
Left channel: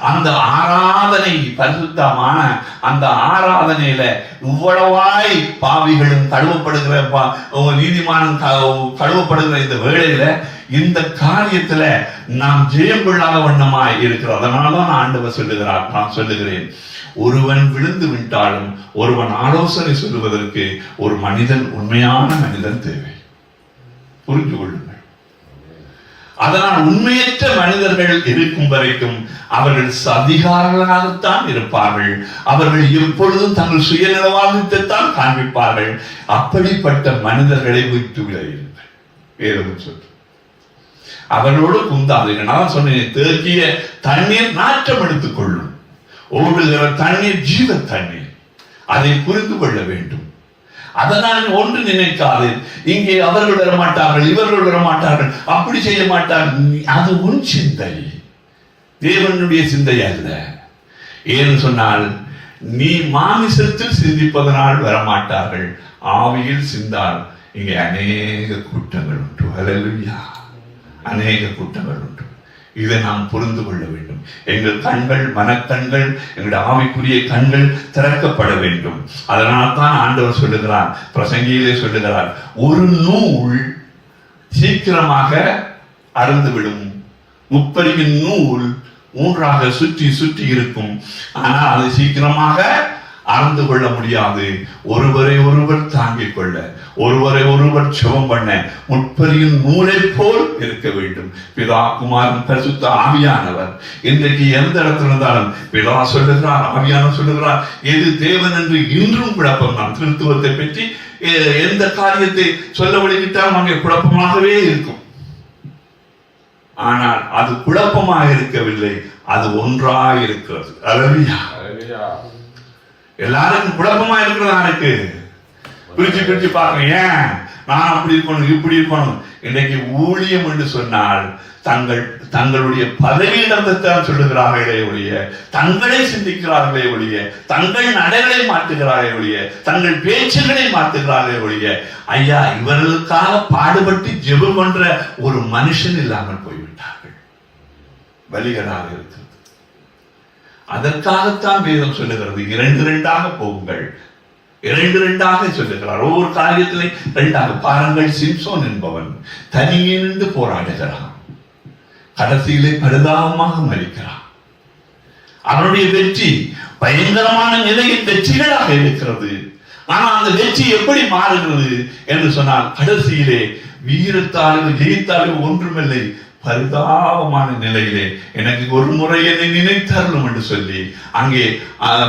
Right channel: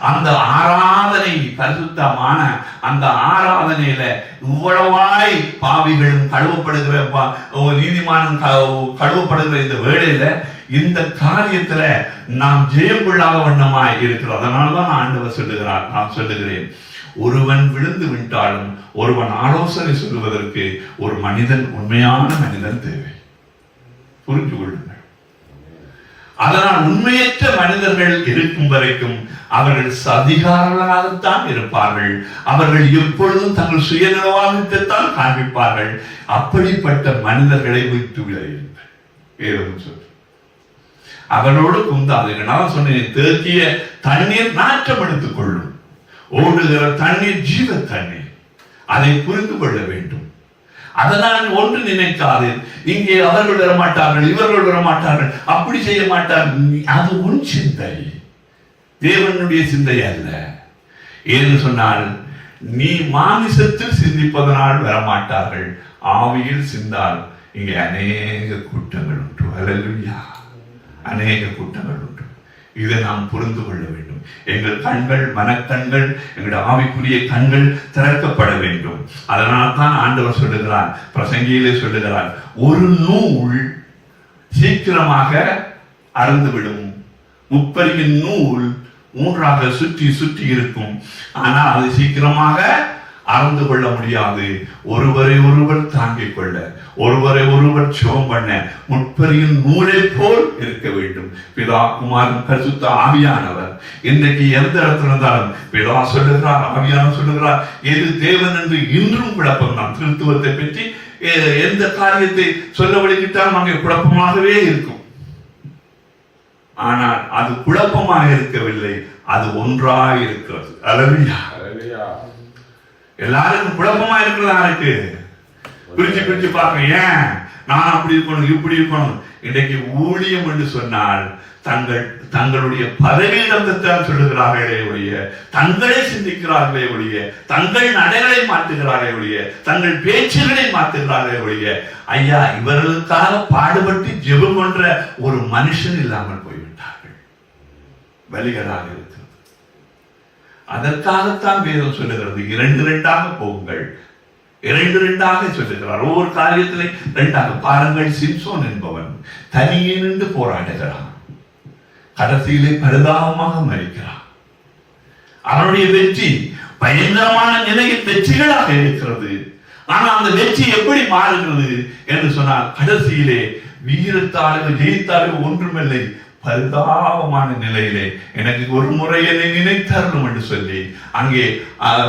அந்த ஆராதனை, பரிசுத்தமான அந்த ஆராதனையில இவ்வளவாய் பாவிகளும் கழுவப்படுகிற நீதிமானும் கழுவப்படுகிற இந்த வேளையில இந்த காரியத்துல நாம் ஜெயம் கொள்ளாத வண்ணமாய் இருக்கிறோம். அதனாலதான் ஆண்டவர் சொல்லுகிறார், நான் சொல்லுகிறேன், ஒருவன் விழுந்து விட்டாலும் ஒருவன் ஆலோசனை சொல்லுவதற்கு ஒரு மனிதன், உண்மையான மனிதன் தேவை. புரிந்து கொள்ளுங்கள். அதனால் உண்மையற்ற மனிதர்கள் இருக்கும் வரைக்கும் அவர்கள் அதிகாரங்களாகத்தான் இருப்பார்கள். அவர்கள் எப்பொழுதும் தங்கள் சுயநலவாதத்தைத்தான் காண்பிப்பார்கள். அப்படிப்பட்ட மனிதர்களை விட்டு விளையுங்கள். ஏதும் சொல், அவரோடு குந்தாதீர்கள். நான் சொன்னேன், தேக்கிய தண்ணீர் நாற்றம் எடுத்துக் கொள்ளும், ஓடுகிற தண்ணீர் ஜீவ தண்ணீர். அதை புரிந்து கொள்ள வேண்டும். அதனால் ஒன்று நினைக்காது, இங்கே அவர்கள் வர மாட்டார்கள், இவர்கள் வர மாட்டார்கள், அப்படி செய்ய மாட்டார்கள். அது உன் சிந்தை, தேவனுடைய சிந்தை அல்ல. ஏன்னு சொன்னால், நீ மாமிசத்தில் சிந்திப்பதனால் வரமாட்டார்கள், ஆவியில் சிந்தால் இங்கே அநேக குற்றங்கள் உண்டு. ஹல்லேலூயா. அநேக குற்றங்கள் உண்டு. இதை நாம் புரிந்து கொள்ள வேண்டும். எங்கள் கண்கள், மனக்கண்கள், எங்களுடைய ஆவிக்குரிய கண்கள் திறக்கப்பட வேண்டும். அதனால் தான் ஆண்டவர் சொல்லுகிறார், பிரசங்கியிலே சொல்லுகிறார், ஒரு நூல் சீக்கிரமாக அறுந்துவிடும், முப்பரிவின் நூல் 3ஆக சுற்றி சுற்றி இருக்கும், ஆனால் அது சீக்கிரமாக அறந்து கொள்ள முடியாது. ஒருவரை ஒருவர் தாங்கிக் கொள்ள, ஒருவரை ஒருவர் ஜெபம் பண்ண முற்பரியின் நூலை போல் இருக்க வேண்டும். பிதா, குமாரன், பரிசுத்த ஆவியானவர். இன்றைக்கு எந்த இடத்துல இருந்தாலும் பிதா சொல்லுகிறார், ஆவியானவர் சொல்லுகிறார், எது தேவன் என்று இன்றும் குழப்பம் தான். திருத்துவத்தை பற்றி எந்த காரியத்தை சொல்ல வழிவிட்டால் அங்கே குழப்பமாகவே இருக்கும். ஆனால் அது குழப்பமாக இருக்கவில்லை, அது ஒன்றாக இருக்கிறது. அல்லேலூயா. எல்லாருக்கும் குழப்பமா இருக்கிறதா இருக்கு. பிரிச்சு பிரிச்சு பாருங்க, ஏன் நான் அப்படி இருக்கணும் இப்படி இருக்கணும். இன்றைக்கு ஊழியம் என்று சொன்னால் தங்களுடைய பதவியிடம்தான் சொல்லுகிறார்களே ஒழிய, தங்களை சிந்திக்கிறார்களே ஒழிய, தங்கள் நடைகளை மாற்றுகிறார்களே ஒழிய, தங்கள் பேச்சுகளை மாற்றுகிறார்களே ஒழிய, ஐயா இவர்களுக்காக பாடுபட்டு ஜெபம் பண்ற ஒரு மனுஷன் இல்லாமல் போய்விட்டார்கள். வழிகளாக இருக்கிறது. அதற்காகத்தான் வேதம் சொல்லுகிறது, 2 போங்கள். 2 சொல்லுகிறார். ஒவ்வொரு காரியத்திலே 2 பாருங்கள். சிம்சோன் என்பவன் தனியே நின்று போராடுகிறான், கடைசியிலே பரிதாபமாக மரிக்கிறான். அவனுடைய வெற்றி பயங்கரமான நிலையில் வெற்றிகளாக இருக்கிறது. ஆனால் அந்த வெற்றி எப்படி மாறுகிறது என்று சொன்னால், கடைசியிலே வீரத்தாலும் ஜெயித்தாலும் ஒன்றுமில்லை, பரிதாபமான நிலையிலே எனக்கு ஒரு முறை என்னை நினைத்தார்கள் என்று சொல்லி அங்கே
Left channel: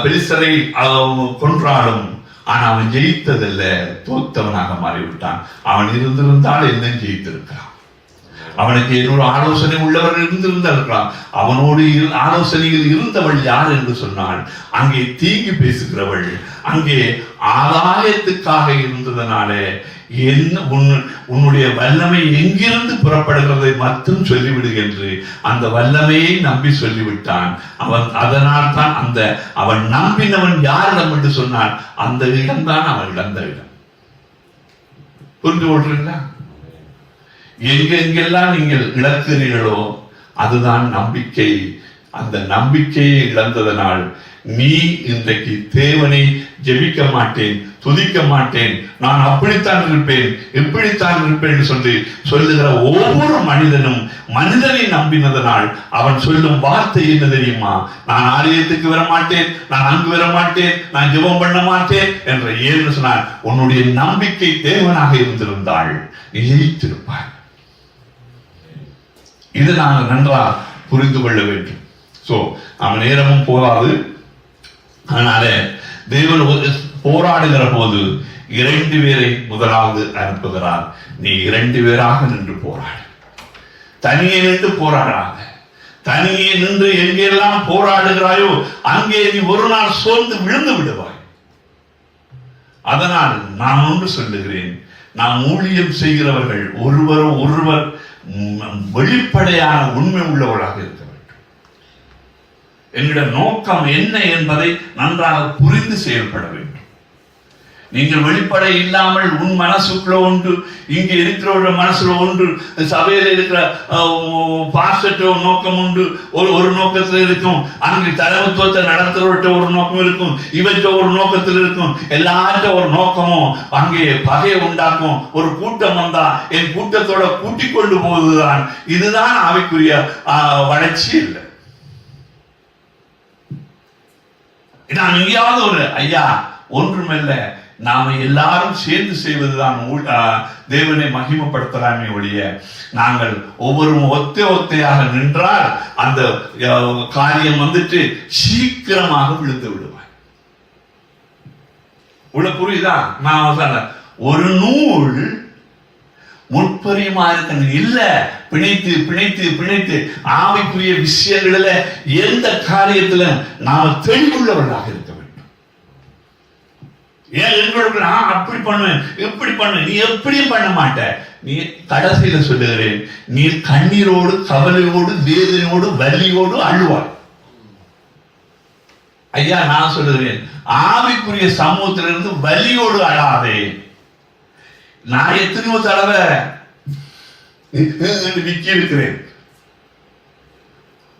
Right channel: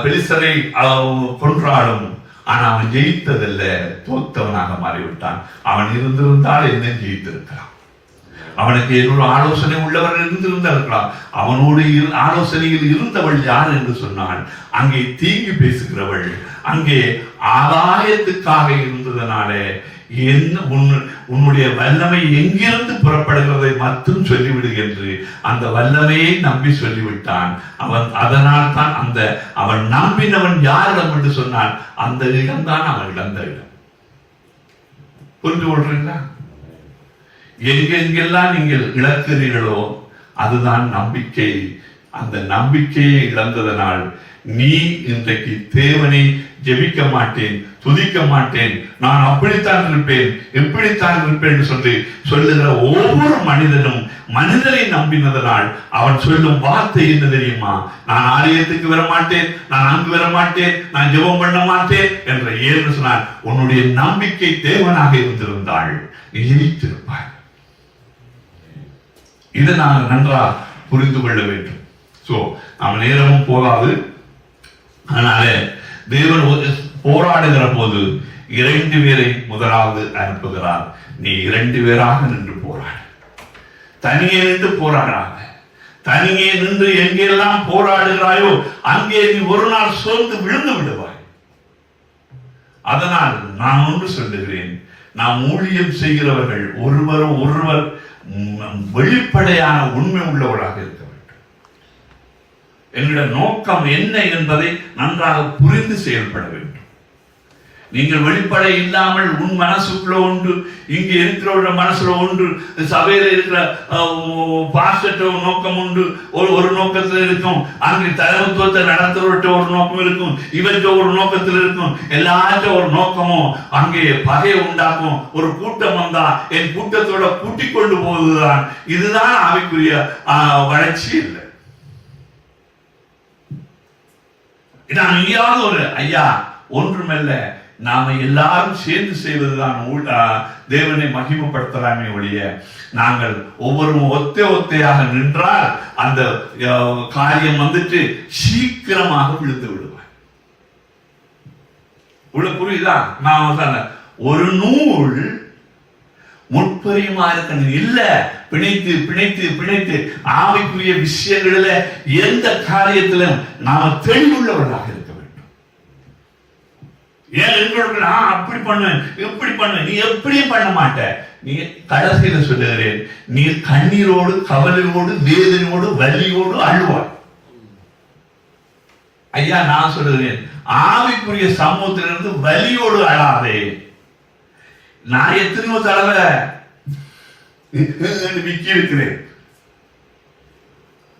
பெலிஸ்தரை கொன்றாடும். ஆனா அவன் ஜெயித்ததில்ல, தோத்தவனாக மாறிவிட்டான். அவன் இருந்திருந்தால் என்ன ஜெயித்திருக்கிறான். அவனுக்கு இன்னொரு ஆலோசனை உள்ளவர்கள் இருந்திருந்திருக்கலாம். அவனோடு ஆலோசனையில் இருந்தவள் யார் என்று சொன்னாள், அங்கே தீங்கு பேசுகிறவள், அங்கே ஆதாயத்துக்காக இருந்ததனாலே உன்னுடைய வல்லமை எங்கிருந்து புறப்படுகிறதை மட்டும் சொல்லிவிடு என்று அந்த வல்லமையை நம்பி சொல்லிவிட்டான். அதனால் தான் அவன் நம்பினவன் யாரிடம் என்று சொன்னான், அந்த இடம்தான் அவன் இழந்த இடம். புரிந்து கொள்றீங்களா? எங்கெங்கெல்லாம் நீங்கள் இழக்கிறீர்களோ அதுதான் நம்பிக்கை. அந்த நம்பிக்கையை இழந்ததனால் நீ இன்றைக்கு தேவனை ஜெபிக்க மாட்டேன், துதிக்க மாட்டேன், நான் அப்படித்தான் இருப்பேன், இப்படித்தான் இருப்பேன் சொல்லி சொல்லுகிற ஒவ்வொரு மனிதனும் மனிதனை நம்பினதனால் அவன் சொல்லும் வார்த்தை என்ன தெரியுமா? நான் ஆலயத்துக்கு வர மாட்டேன், நான் அங்கு வர மாட்டேன், நான் ஜெபம் பண்ண மாட்டேன் என்ற ஏன்னு சொன்னால், உன்னுடைய நம்பிக்கை தேவனாக இருந்திருந்தாள் நீ ஜெயித்திருப்பாய். இதை நாங்கள் நன்றாக புரிந்து கொள்ள வேண்டும். அவன் நேரமும் போதாது. அதனால தேவன் போராடுகிற போது 2 பேரை முதலாவது அனுப்புகிறார். நீ 2 பேராக நின்று போராடு. தனியே நின்று போராடாத. தனியே நின்று எங்கெல்லாம் போராடுகிறாயோ அங்கே நீ ஒரு நாள் சோர்ந்து விழுந்து விடுவாய். அதனால் நான் ஒன்று சொல்லுகிறேன், நாம் ஊழியம் செய்கிறவர்கள் ஒருவர் வெளிப்படையான உண்மை உள்ளவர்களாக இருக்க வேண்டும். என்கிற நோக்கம் என்ன என்பதை நன்றாக புரிந்து செயல்பட வேண்டும். நீங்கள் வெளிப்படை இல்லாமல் உன் மனசுக்குள்ள ஒன்று, இங்க இருக்கிற மனசுல ஒன்று, சபையில இருக்கிற பாஸ்டர் நோக்கம் உண்டு, ஒரு நோக்கத்தில் இருக்கும். அங்கே தலைமைத்துவத்தை நடத்துவர்கிட்ட ஒரு நோக்கம் இருக்கும், இவற்ற ஒரு நோக்கத்தில் இருக்கும். எல்லார்ட்ட ஒரு நோக்கமும் அங்கே பகையை உண்டாக்கும். ஒரு கூட்டம் வந்தா என் கூட்டத்தோட கூட்டிக் கொண்டு போவதுதான். இதுதான் ஆவிக்குரிய வளர்ச்சி இல்லை. நான் எங்கேயாவது ஒரு ஐயா ஒன்றுமில்ல, நாம எல்லாரும் சேர்ந்து செய்வதுதான் தேவனை மகிமைப்படுத்தலாமே ஒழிய, நாங்கள் ஒவ்வொரு ஒத்தையாக நின்றால் அந்த காரியம் வந்துட்டு சீக்கிரமாக விழுந்து விடுவார். புரியுதா? நான் சொன்ன ஒரு நூல் முற்பரியுமா இருக்கணும் இல்ல, பிணைத்து பிணைத்து பிணைத்து ஆவிக்குரிய விஷயங்களில எந்த காரியத்திலும் நாம் தெளிவுள்ளவர்களாக இருக்க வேண்டும். ஏன் எங்களோட அப்படி பண்ணுவேன் எப்படி பண்ணுவேன், நீ எப்படியும் பண்ண மாட்ட. நீ கடைசியில சொல்லுகிறேன், நீ கண்ணீரோடு கவலையோடு வேதனையோடு வலியோடு அழுவாய். ஐயா நான் சொல்லுகிறேன், ஆவிக்குரிய சமூகத்திலிருந்து வலியோடு அழாதே. நான் எத்தனையோ தடவை விக்கி இருக்கிறேன்,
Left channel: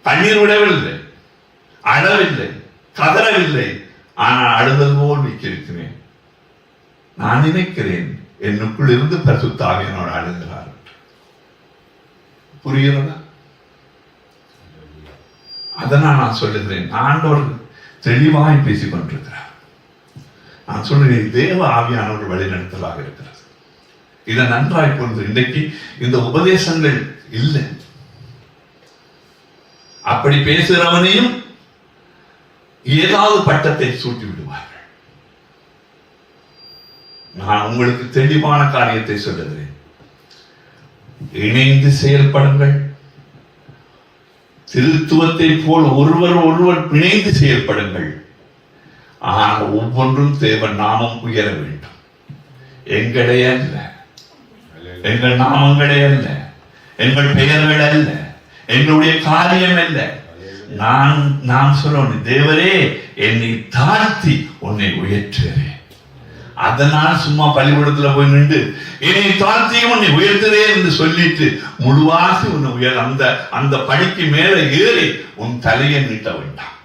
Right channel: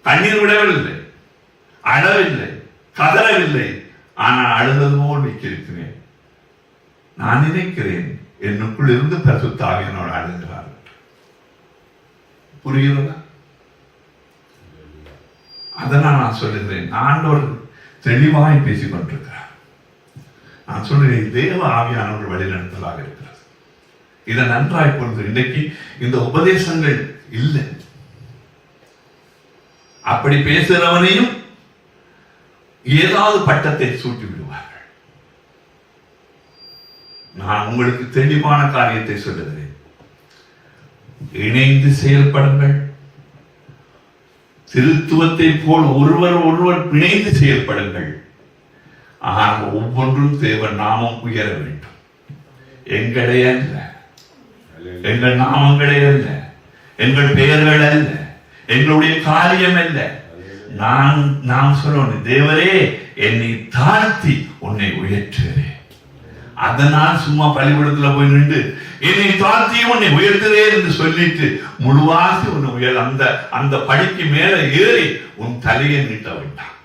கண்ணீர் விடவில்லை, அழவில்லை, கதறவில்லை, ஆனால் அழுதது போல் விக்கிருக்கிறேன். நான் நினைக்கிறேன் என்னுக்குள் இருந்து பரிசுத்த ஆவியானவர் அழுகிறார். புரிகிறதா? அதனால் நான் சொல்லுகிறேன், ஆண்டவர் தெளிவாய் பேசிக் கொண்டிருக்கிறார். நான் சொல்லுகிறேன், தேவ ஆவியானவர் வழிநடத்தலாக இருக்கிறார். இதை நன்றாய் புரிந்து, இன்றைக்கு இந்த உபதேசங்கள் இல்லை. அப்படி பேசுகிறவனையும் ஏதாவது பட்டத்தை சூட்டி விடுவார்கள். நான் உங்களுக்கு தெளிவான காரியத்தை சொல்லுகிறேன், இணைந்து செயல்படுங்கள். திருத்துவத்தை போல் ஒருவர் பிணைந்து செயல்படுங்கள். ஆனால் ஒவ்வொன்றும் தேவன் நாமம் உயர வேண்டும். எங்களே அல்ல, எங்கள் நாமங்களே அல்ல, எங்கள் பெயர்கள் அல்ல, என்னுடைய காரியம் இல்லை. நான் சொல்லணும், தேவரே என்னை தாழ்த்தி உன்னை உயர்த்துகிறேன். அதனால் சும்மா பள்ளிக்கூடத்துல போய் நின்று என்னை தாழ்த்தி உன்னை உயர்த்துறேன் என்று சொல்லிட்டு முழுவாசி உன்னை உயர் அந்த படிக்கு மேல ஏறி உன் தலையை நீட்ட வேண்டாம்.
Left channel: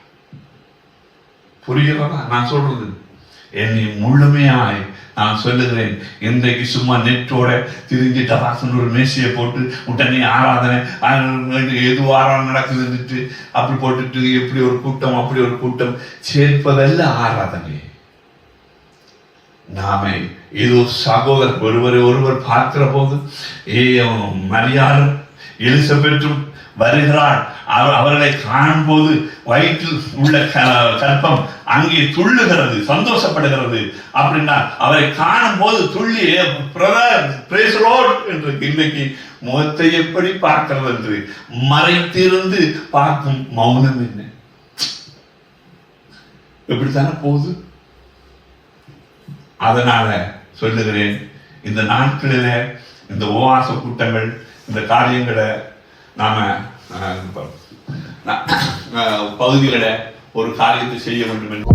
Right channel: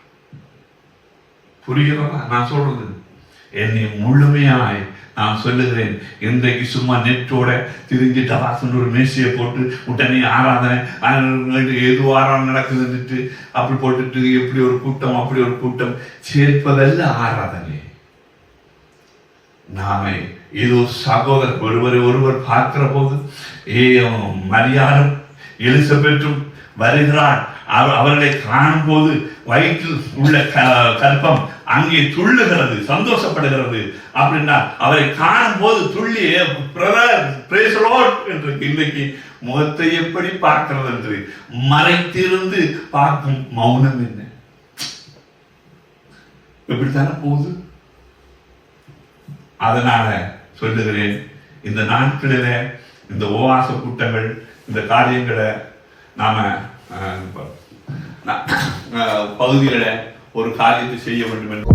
புரிகிறதா நான் சொல்றது? என்னை முழுமையாய் நான் சொல்லுகிறேன். இன்றைக்கு சும்மா நெட்டோட திரிஞ்சிட்ட வாசன் ஒரு மேசையை போட்டு உடனே ஆராதனை ஏதோ ஆராதனை நடக்குதுன்னுட்டு அப்படி போட்டுட்டு எப்படி ஒரு கூட்டம் அப்படி ஒரு கூட்டம் சேர்ப்பதல்ல ஆராதனை. நாமே இது சகோதரர் ஒருவர் பார்க்கிற போது மரியாளும் எலிசபெத்தும் வருகிறார். அவர்களை காணும் போது வயிற்றில் உள்ள கற்பம் அங்கே துள்ளுகிறது, சந்தோஷப்படுகிறது. அப்படின்னா அவரை காணும் போது துள்ளி என்று இன்னைக்கு முகத்தை எப்படி பார்க்கிறது என்று மறைத்திருந்து பார்க்கும் மௌனம் என்ன? எப்படித்தானே போகுது. அதனால சொல்லுகிறேன், இந்த நாட்களில இந்த உபவாச கூட்டங்கள் இந்த காரியங்களை நாம பகுதிகளை ஒரு காரியத்தை செய்ய வேண்டும் என்று